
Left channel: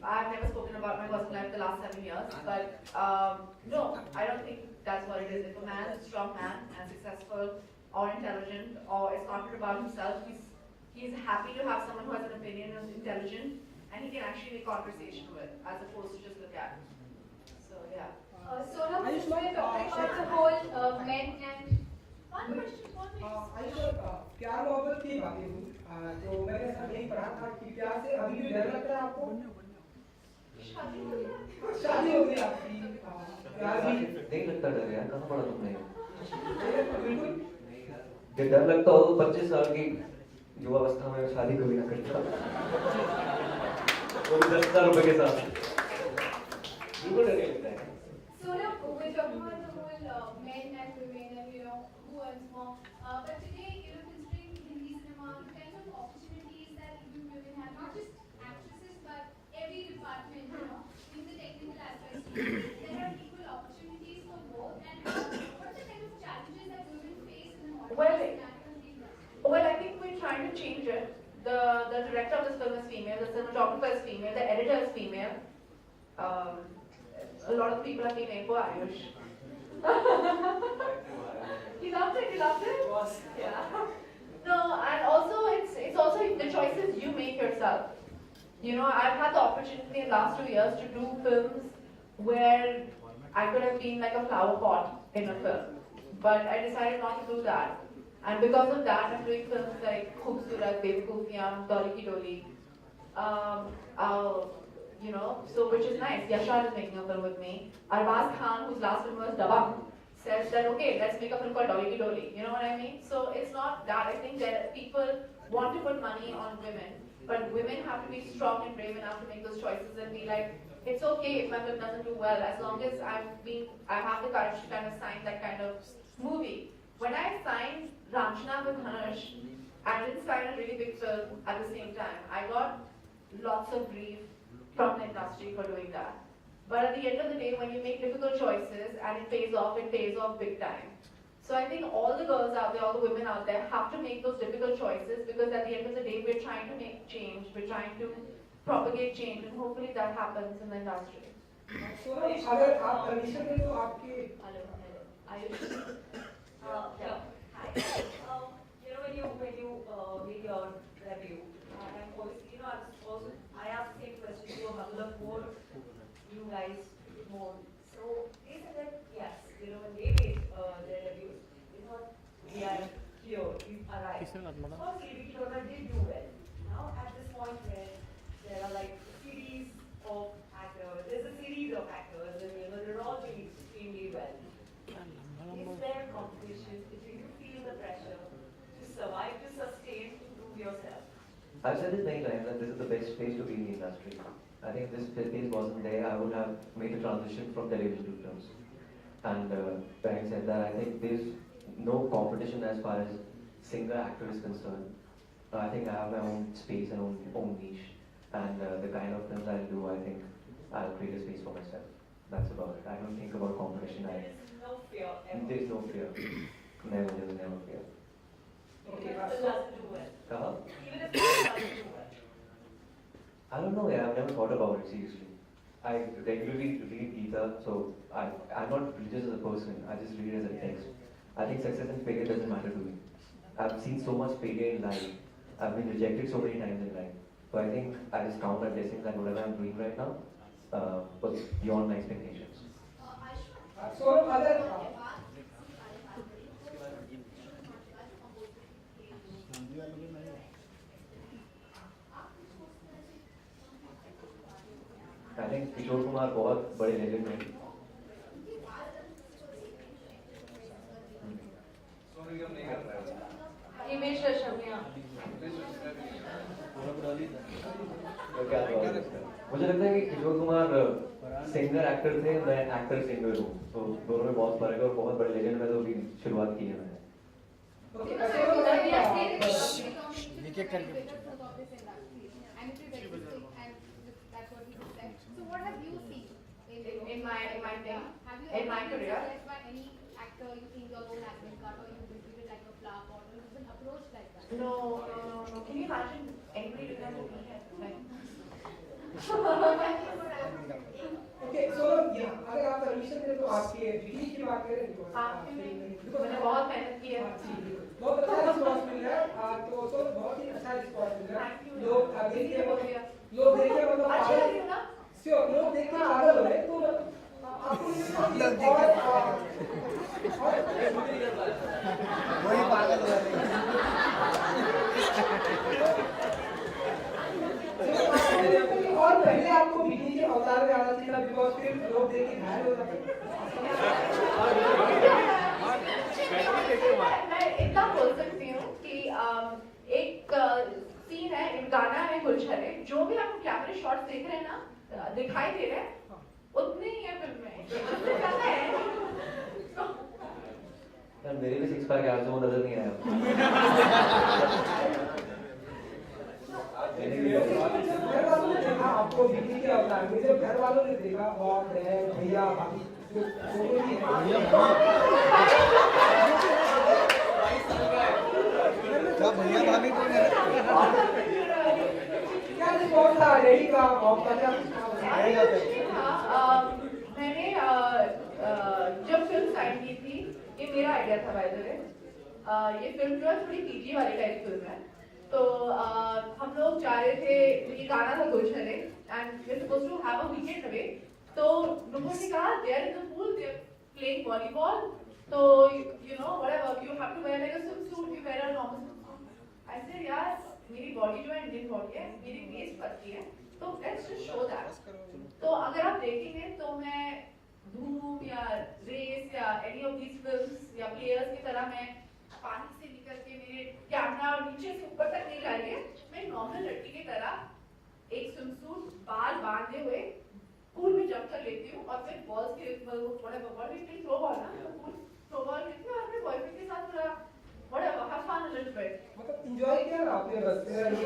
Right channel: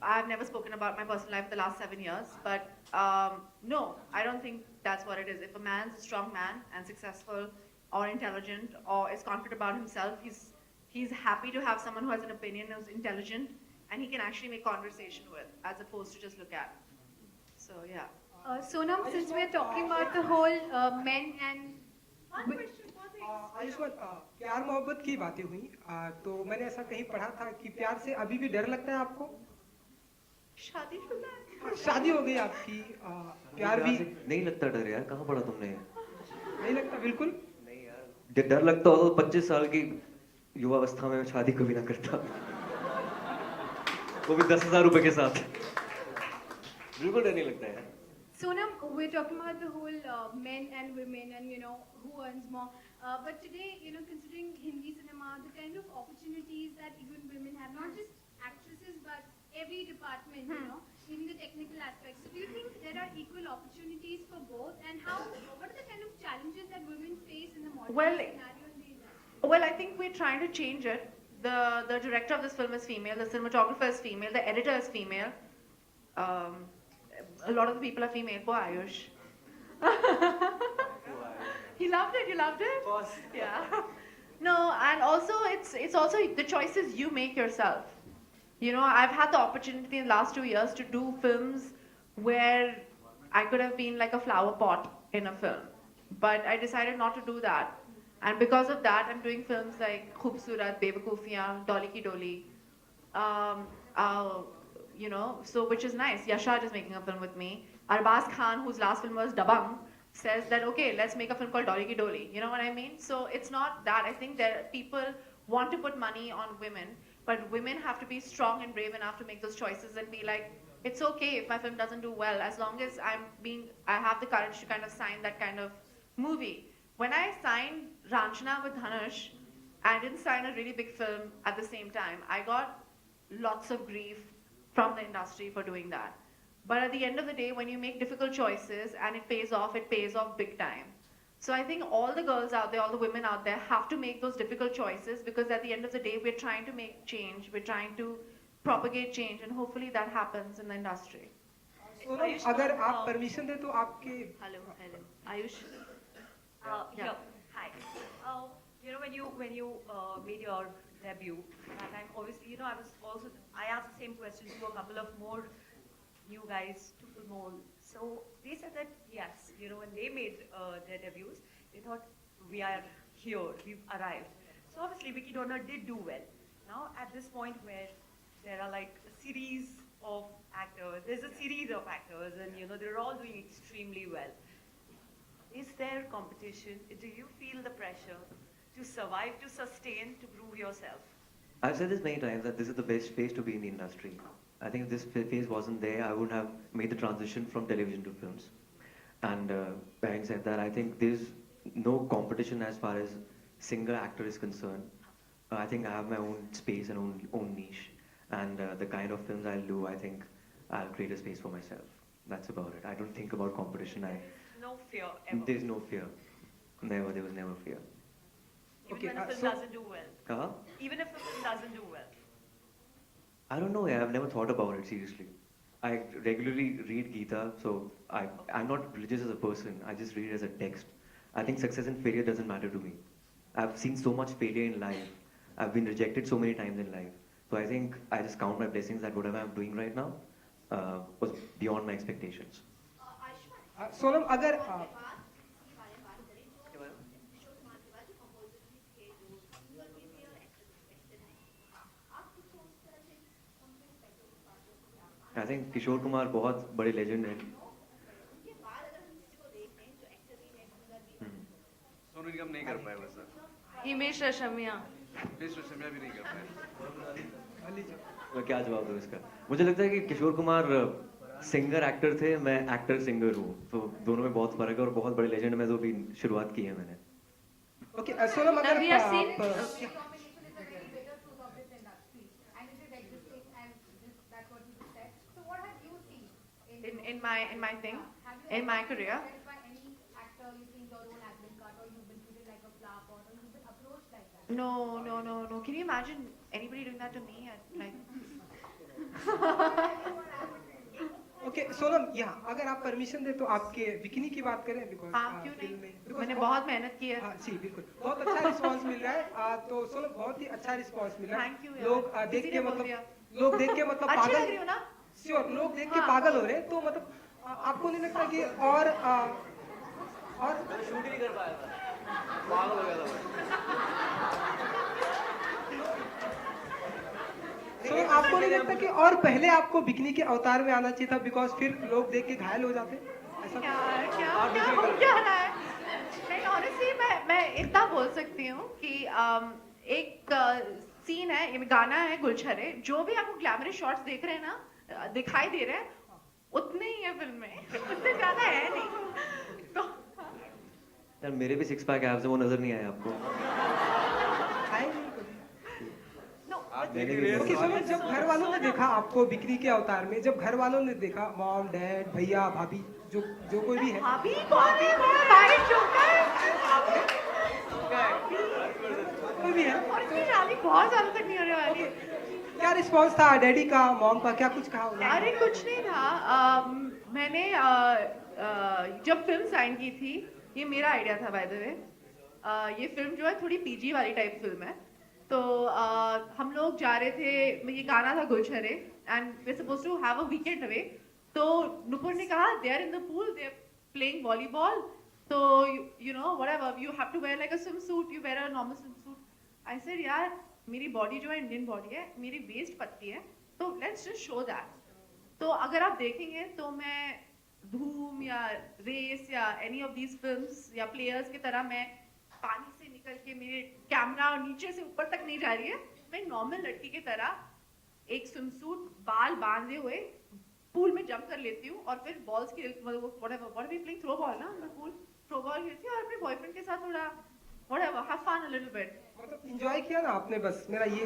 I've never spoken about my personal life the last 7 years, but no, I don't think that's what it is. If a man is a strong man and successful or intelligent or is confident about himself, he's happy to have someone who has an opinion, who's intelligent, and he can actually make conversation with, as opposed to just look at. So yeah. Sonam, since we're talking about the whole men and Ayushman प्यार मोहब्बत की बातें हुई तो मैंने ऐसा कहीं पढ़ा था कि प्यार से अभी भी डर लगता है आपको. शादी शादी हो गई आपकी प्यार भी नहीं लगता डर यार. कहाँ पढ़ा तुमने? नहीं लगता बिल्कुल. जब डर लगता हो तो 25 साल की युवावस्था में शादी कभी ना करता. वो भी 10,000 रुपए के साथ. बिल्कुल डर नहीं लगता है. Sonam, we're talking about the whole men and women and who earns more. But today, considering Hindi cinema, the kind of opportunities that even women have, not just actresses, but every department, even the technical aspects, there are equal opportunities for both. And what are the kind of challenges that women face in the modern Well, scenario? Well, I think we're trying to change it. The director of this film is female, the cinematographer is female, the editor is female. A lot of the people are female. Poor Ayush. He loved it. You loved it? Yeah. No, and also it's also the choices you make yourself. I've had the opportunity in the last 2 years to do films where I could have been like a flower pot in a film, but I decided not to do that. And because of that, I'm doing films like Khurrana, Bewakoofiyaan, Dolly Ki Dolly. So which is nice. Yashar is making a film with me. Arbaz Khan, whose last film was Dabang, says that okay, let's make a film called Dolly Ki Dolly. You know what I mean? So it's not that. I think that people want to put money on women, but women have to be strong and brave enough to make those choices and be like, it's okay if my film doesn't do well, as long as I have the courage to kind of sign that kind of movie. When I signed Ranjana with Hanush, I didn't sign a really big film at the same time. I got lots of grief from the industry for doing that. But at the end of the day, when you make difficult choices and it pays off big time. So I think all the girls out there, all the women out there have to make those difficult choices, because at the end of the day, we're trying to make change, we're trying to propagate change, and hopefully that happens in the industry. Sonam, अगर आप permission दें तो आपके Hello. Ayush. Yeah. Hi. When you made your debut, and obviously, I asked the same question to a couple of more you guys known. So they said that yes, when they made their debuts, they thought we are here, we've arrived. So obviously, Vicky Donor did do well. Now at this point where there are like a series of actors, there's a series of actors, and they're all doing extremely well. Is there competition? Do you feel the pressure to survive, to sustain, to prove yourself? I've said this many times that this is the best space to be in the industry. I think if this phase wasn't there, I wouldn't have made the transition from television to films. And having said that, I think there's no competition as far as singer actor is concerned. I think I have my own space and own niche, and the kind of films I'll do, I think I'll create a space for myself. That's about it. I don't think about competition. There's no fear ever. There's no fear. Never. There was never fear. even Okay, when a film so- doesn't do well? कहा? Even if film doesn't do well. I don't know, yeah, I've never thought about it seriously. I regularly read Gita, so I'm not religious as a person. I just read it as a text. I think success and failure doesn't matter to me. I've seen so much failure in life. I've been rejected so many times in life. So I think I just count my blessings that whatever I'm doing right now was beyond my expectations. Sonam अगर I think Kishore Kumar बहुत बड़े legend हैं. सोनू निगम नहीं कर पाया वैसा. Himesh Reshammiya. Test recipe भी नहीं कर पाया. तो क्या जवाब है इसका? मुझे लगता है कि किशोर कुमार सिंगर एक्टर थे, मैं एक्टर सिंगर हूँ. तो दोनों में बहुत फर्क है और बहुत बड़े लेजेंड में जो भी शुरुआत की है मैंने. Okay Sonam Now we are अगर seeing. And it is existing, and that's what we expect. So what have you seen In my thing, Have you in my ever been career. approached by any actor you think your own acting cut, or you've been treated like a flop, or you've been approached like that? No. Can you imagine anybody doing that to me? Okay Sonam यहाँ अगर आप permission दे तो आपके bikini की बात करें because हाँ, क्यों नहीं? मैंने बहुत मेहनत की है. जी बिल्कुल बहुत अच्छा रिस्पांस मिल रहा है तो सोनम बहुत ही अच्छा रिस्पांस मिल रहा Thank you है यार. लोग देख के शुक्रिया. लोग देख के मतलब अच्छी पागल लग रही हो ना? श्योर लोग देख के हाँ. पागल हो रहे हैं तो मतलब आपको नहीं लगता कि आपको नहीं लगता कि और पहले आपको बिकनी के अवतार में आना चाहिए था बिकॉज फिर लोग देख के घायल हो जाते मैं इतना बोल सकती हूँ कि एक सीन है, एक गाना है गुलछरे, जो भी आपको ग्लैमरस शॉट्स देख रहे हैं ना, दिखाई दे रहे हैं, उतने ही है फिल्म में, उससे ज्यादा है नहीं. तो यार मेरे भी सिक्स पैक एब्स वो नजर नहीं आए आपको. मैंने भी ओके तो जब घर वालों ने देखा आपको बिकनी के अवतार में जब घर वालों ने देखा मॉम डैड भैया भाभी जो कोई भी है क्या रिस्पॉन्स था डैडी का मॉम का क्या कुछ कहा अरे कुछ नहीं था. मैंने जब फिल्म साइन की थी, ये मेरा आइडिया था बाय द वे. ये फिल्म जो है थोड़ी पीजी वाली टाइप फिल्म है. तो हम लोग जा रहे थे, ये गाना था गुलछरे and we supposed to have a weekend away. तो नुपुर ने कहा they are in the pool, they are playing volleyball, तो you know whatever you have to wear like a swimsuit, you wear a normal swimsuit. I said यार मेरी body जो है Indian body है, मेरी waste पतली है, तो लेट्स जस्ट शो दैट. तो अगर आप देखेंगे तो मैं धूम या रेस या एनी ऑफ दीज फिल्म्स या प्लेयर्स की तरह मैं पानी से निकल के मेरे कैमरा नीचे से ऊपर तक नहीं जा रही है. मैं एक नॉर्मल लड़की की तरह एक स्विम सूट बाल बांधे हुए पूल में जंप कर लेती हूँ और फिर बॉल्स के थ्रो बॉल ना थ्रो बॉल खेलती हूँ और अपने बॉयफ्रेंड के साथ थोड़ा whatever have fun a little bit. मतलब एंजॉय किया ना आपने बस मेरा ये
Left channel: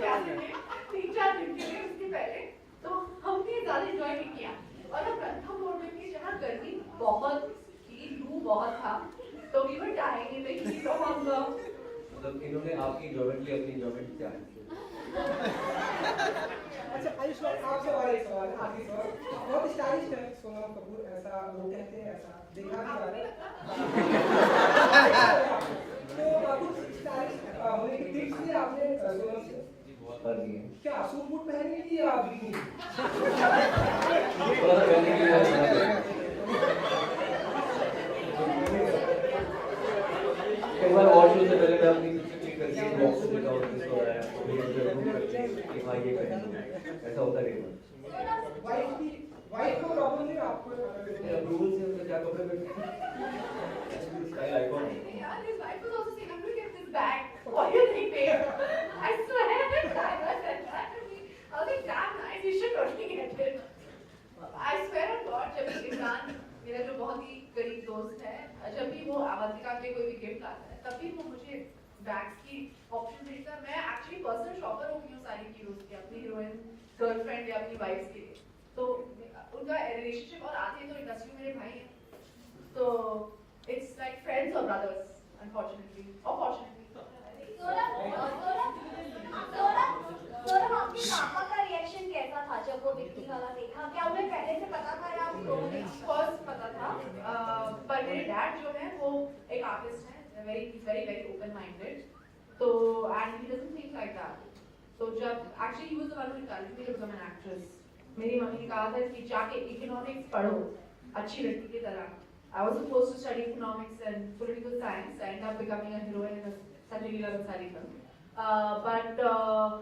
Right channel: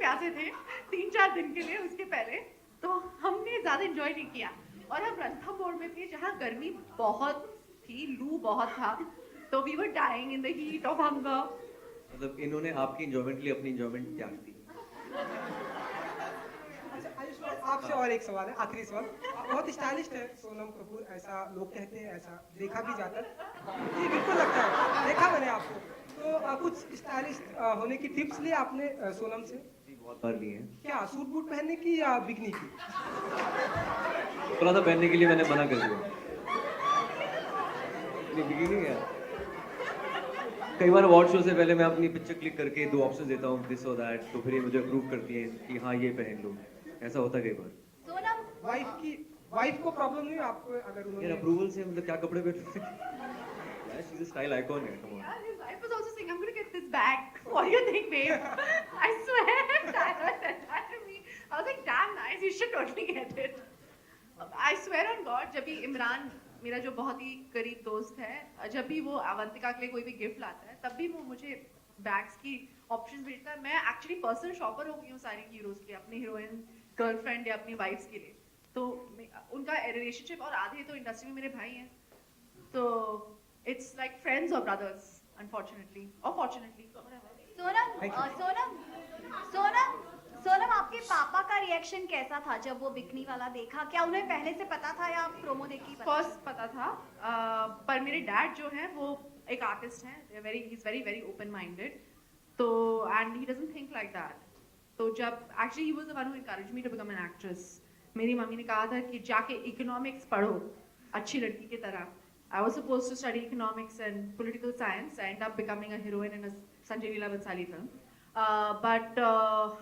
प्यासे थे 3-4 दिन के लिए उसके पहले, तो हमने ज्यादा एंजॉय नहीं किया. और हम रणथंभौर में थे जहाँ गर्मी बहुत थी, लू बहुत था, तो we were dying in the heat of hunger. मतलब इन्होंने आपकी एंजॉयमेंट के लिए अपनी एंजॉयमेंट त्याग दी. अच्छा आयुष्मान आपसे और एक सवाल है, आखिरी सवाल. बहुत स्टाइलिश है सोनम कपूर, ऐसा लोग कहते हैं, ऐसा देखा भी जाता है. देखा है आपको. तो कुछ स्टाइलिश होने की टिप्स लिए आपने सोनम से बहुत बार दी है. क्या सूट बूट पहनने की या बिकनी की? थोड़ा सा पहनने के लिए मैंने मना कर कई बार अवार्ड शो से पहले मैं अपनी पिक्चर क्लिक करके 2 ऑप्शन देता हूँ दिस और दैट, तो फिर मुझे अप्रूव करती है कि हाँ ये पहन लो. ऐसा होता है कई बार. वाइफ को प्रॉब्लम नहीं आपको? मेरे अप्रूवल से मतलब क्या कपड़े पहनते स्टाइल आइकॉन है. His wife was also saying, I'm going to get this bag. What do you think, babe? I swear, Tyler said that to me. I was like, damn nice, you should totally get it. I swear on God, जब भी इमरान, मेरा जो बहुत ही करीब दोस्त दोस्त है, जब भी वो अवंतिका के लिए कोई भी गिफ्ट लाता है तब भी वो मुझे बैग्स की ऑप्शन भेजता है. मैं एक्चुअली पर्सनल शॉपर हो गई हूँ सारी हीरोज के, अपनी हीरोइन, गर्लफ्रेंड या अपनी वाइफ्स के लिए. तो उनका रिलेशनशिप, और आधे तो इंडस्ट्री में मेरे भाई हैं, तो इट्स लाइक फ्रेंड्स और ब्रदर्स, अनफॉर्चुनेटली और फॉर्चुनेटली. सोनम, आपके पापा का रिएक्शन कैसा था जब वो बिकनी वाला देखा? क्या उन्हें पहले से पता था या प्रोमो देखी? फर्स्ट पता था, पर मेरे डैड जो है वो एक आर्टिस्ट हैं, वेरी वेरी ओपन माइंडेड, तो and he doesn't think like that. तो जब actually he was the one who encouraged me to become an actress. मेरी मम्मी ने कहा था कि जाके इकोनॉमिक्स पढ़ो अच्छी लड़की की तरह. I was supposed to study economics and political science. I ended up becoming a heroine in a Sanjay Leela Bhansali film. But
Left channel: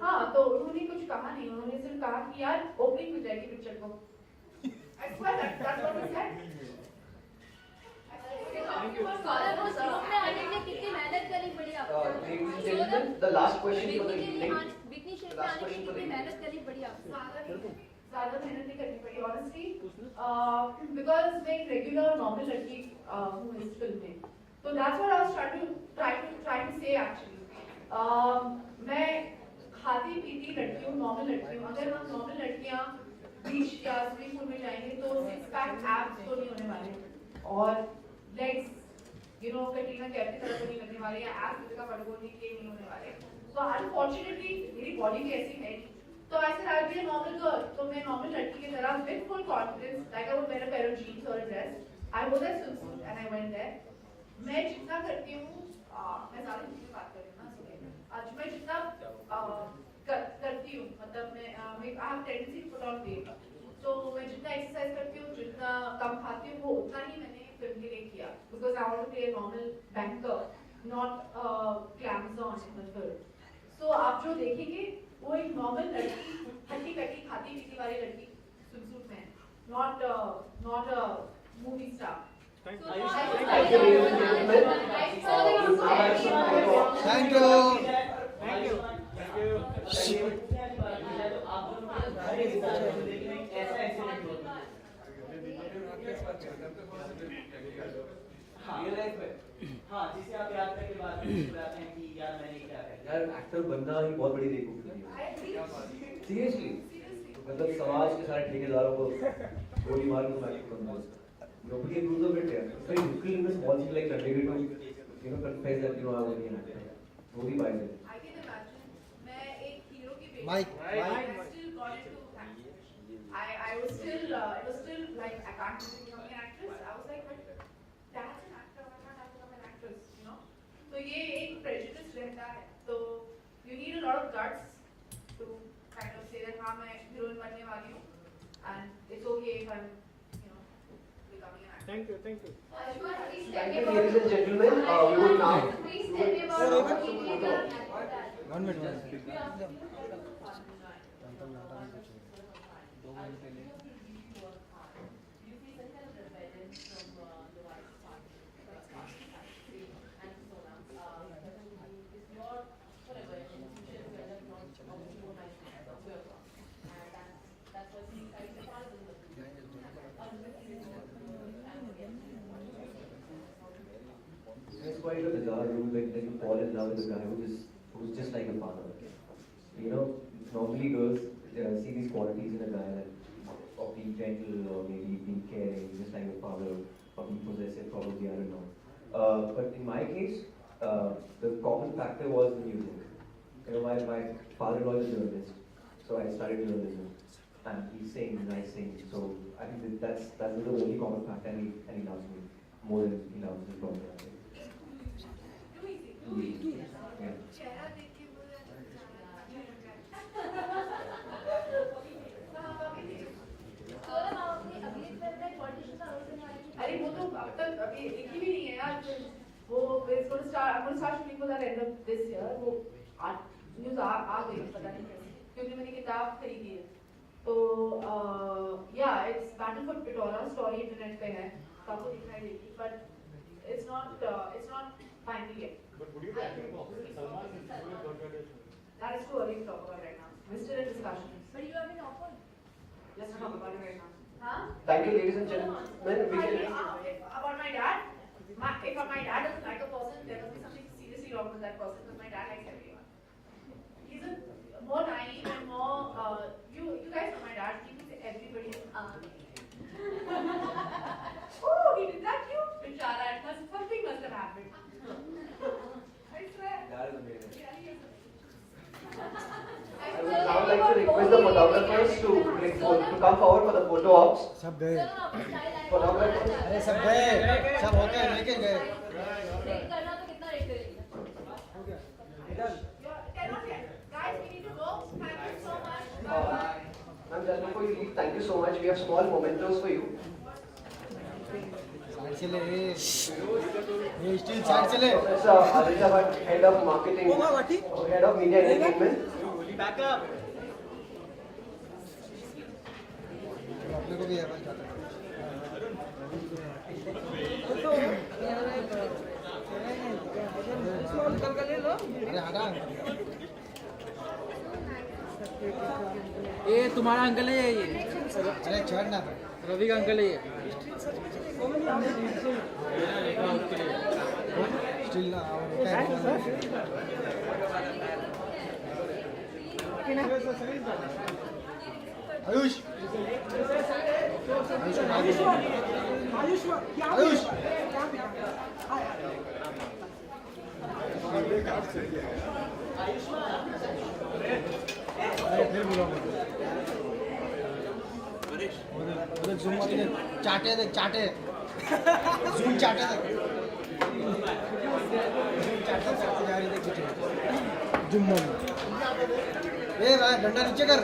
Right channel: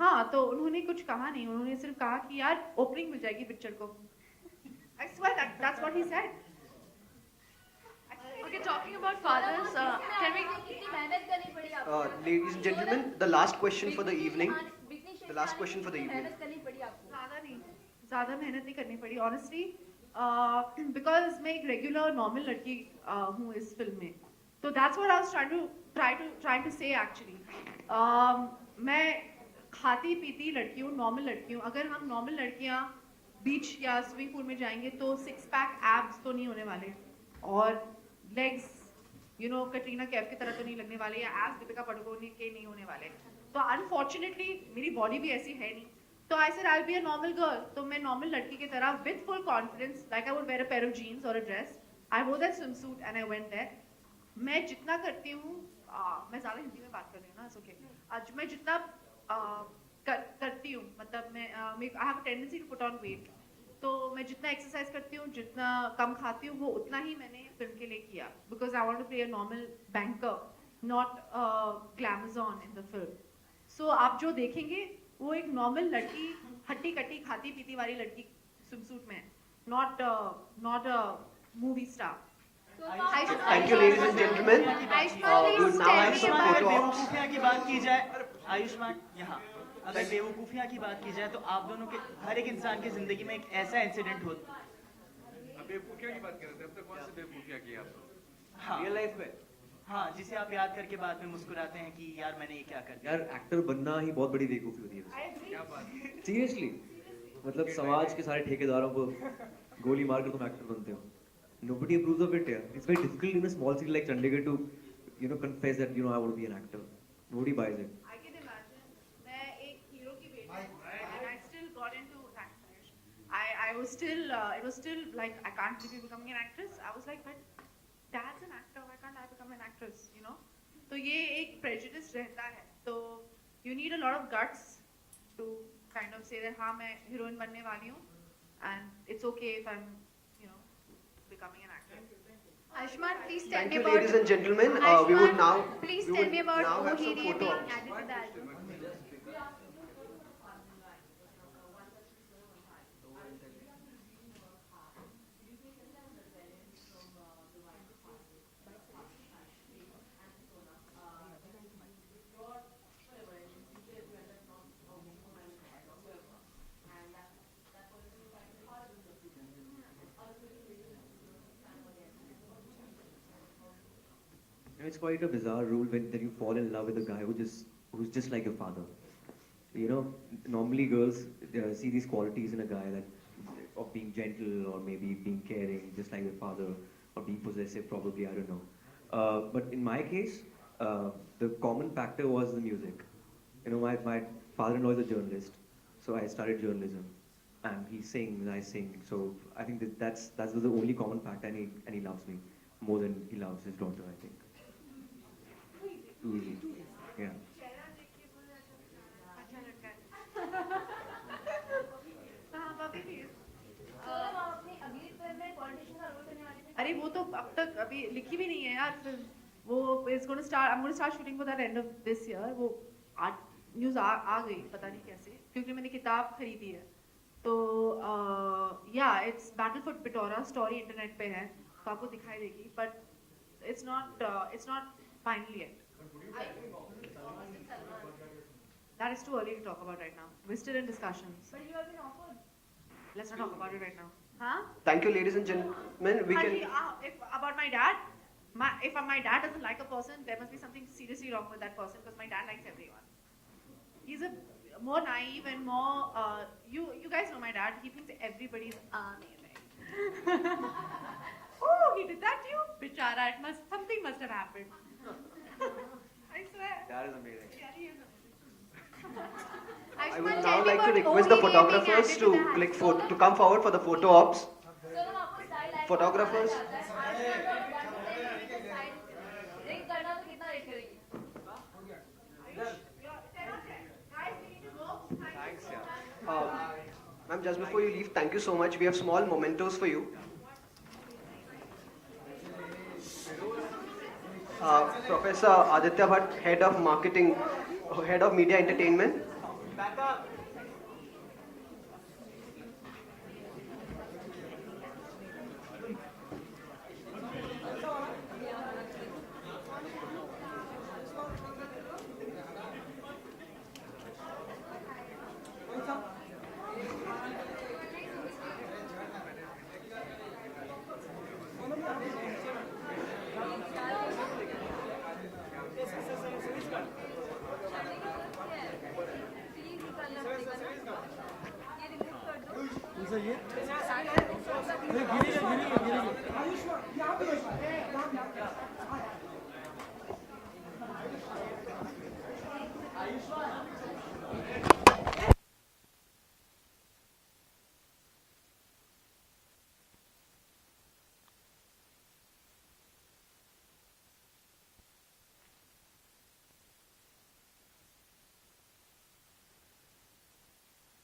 हाँ, तो उन्होंने कुछ कहा नहीं, उन्होंने सिर्फ कहा कि यार ओपनिंग मिल जाएगी पिक्चर को. I swear that's what he said. Okay, talking about fathers, कितनी मेहनत करनी पड़ी आपको? Ladies and gentlemen, the last question for the evening. The last question for the evening. मेहनत करनी पड़ी आपको? ज़्यादा मेहनत नहीं करनी पड़ी ऑनेस्टली, बिकॉज मैं एक रेगुलर नॉर्मल लड़की हूँ इस फिल्म में. तो that's what I was try to say actually. मैं खाती पीती लड़की हूँ, नॉर्मल लड़की हूँ. अगर हम नॉर्मल लड़कियाँ बीच या स्विमिंग पूल में जाएंगे तो 6 पैक एब्स तो नहीं होने वाले, और लेग्स कटरीना कैफ की तरह तो नहीं लगने वाले, या एब्स दीपिका पादुकोण के नहीं होने वाले. तो अनफॉर्चुनेटली मेरी बॉडी भी ऐसी है नहीं. तो I said I'll be a normal girl. तो मैं नॉर्मल लड़की की तरह with full confidence, like I would wear a pair of jeans or a dress. I wore that swimsuit and I went there. मैं जितना करती हूँ, मैं ज़्यादा हिंदी में बात कर रही हूँ ना, okay. आज मैं जितना करती हूँ, मतलब मैं I have a tendency to put on weight. तो मैं जितना एक्सरसाइज करती हूँ, जितना कम खाती हूँ, वो उतना ही मैंने फिल्म के लिए किया. Because I want to play a normal banker, not glamazon in the film. So आप जो देखेंगे वो एक नॉर्मल लड़की, हट्टी कट्टी खाती पीती वाली लड़की स्विमसूट में, not a movie star. Thank you, ladies and gentlemen. Thank you. Ayushman, अगर बेवकूफियाँ की बात की जाए तो आप दोनों के हर एक इंसान की जिंदगी में एक ऐसा इंसिडेंट होता है. Real life में. हाँ, जिसे आप याद करके बाद में मुस्कुराते हैं कि यार मैंने ये क्या कर दिया. यार एक्टर बनना ही बहुत बड़ी बेवकूफी है. सीरियसली, मतलब समाज के सारे ठेकेदारों को गोली मार के तुम एक्टर बनते हो. Nobody approves of it. Yeah, it's very difficult in a small city like Chandigarh to confess that I want to be an actor. Nobody buys it. I can imagine. मैं एक हीरो की बेटी. Mike. I still got into acting. I was still it was still like I can't be becoming an actress. I was like, but dad's an actor. Why can't I become an actress? तो ये एक prejudice रहता है. तो you need a lot of guts to kind of say that हाँ मैं heroine बनने वाली हूँ, and it's okay if I'm becoming an actor. Thank you. Ayushmann, please tell Thank me you, about. ladies and gentlemen. We would now. Please we tell would me now about have some Bohemian photo. Rhapsody. 1 minute. It's quite a bizarre rule when you fall in love with a guy who's just like your father. Normally girls see these qualities in a guy of being gentle or maybe being caring, just like your father, or being possessive, probably, I don't know. But in my case, the common factor was the music. My father-in-law is a journalist, so I studied journalism, and he sings and I sing. So I think that's the only common factor, and he loves me more than he loves his daughter, I think. Yeah. चेहरा देख के मुझे अच्छा लग रहा है. हाँ, अभी भी. अरे वो तो अब तक अभी लिखी भी नहीं है यार. वो I'm going to start shooting for that end of this year. वो न्यूज़ आ गई, पता नहीं कैसे, क्योंकि मैंने किताब खरीदी है. तो yeah, it's Battle for Pitora story internet पे है, तो आपको दिखाई देगी, but it's not final yet. That is too early to talk about right now. We're still in discussions. But you have been offered. Let's not talk about it right now. Huh? Thank you, ladies and gentlemen. We can. About my dad? or my dad doesn't like a person, there must be something seriously wrong with that person because my dad likes everyone. He's a more naive and more, you guys know my dad, he thinks everybody's amazing. Oh, he did that to you? Bichara, something must have happened. I swear. That is amazing. Yeah, he is amazing. I would now like to request the photographers to come forward for the photo ops. Photographers. सब गए सब होके लेके गए लेकिन करना तो कितना रेट करेगी Guys, we need to go. Thank you so much. Ma'am, just before you leave, thank you so much. We have small mementos for you. चले ये स्टील साइड चले Professor Aditya Bhatt, Head of Marketing, Head of Media Entertainment. Back up. अपने को भी है अरे हटा ये तुम्हारा अंकल है ये अरे छोड़ना रवि का अंकल है ये स्टील ना आयुष आयुष उधर जूम मत दे चाटे दे चाटे जूम चाटे दे चाटे जा रही देख जूम ए भाई डंडा नीचे कर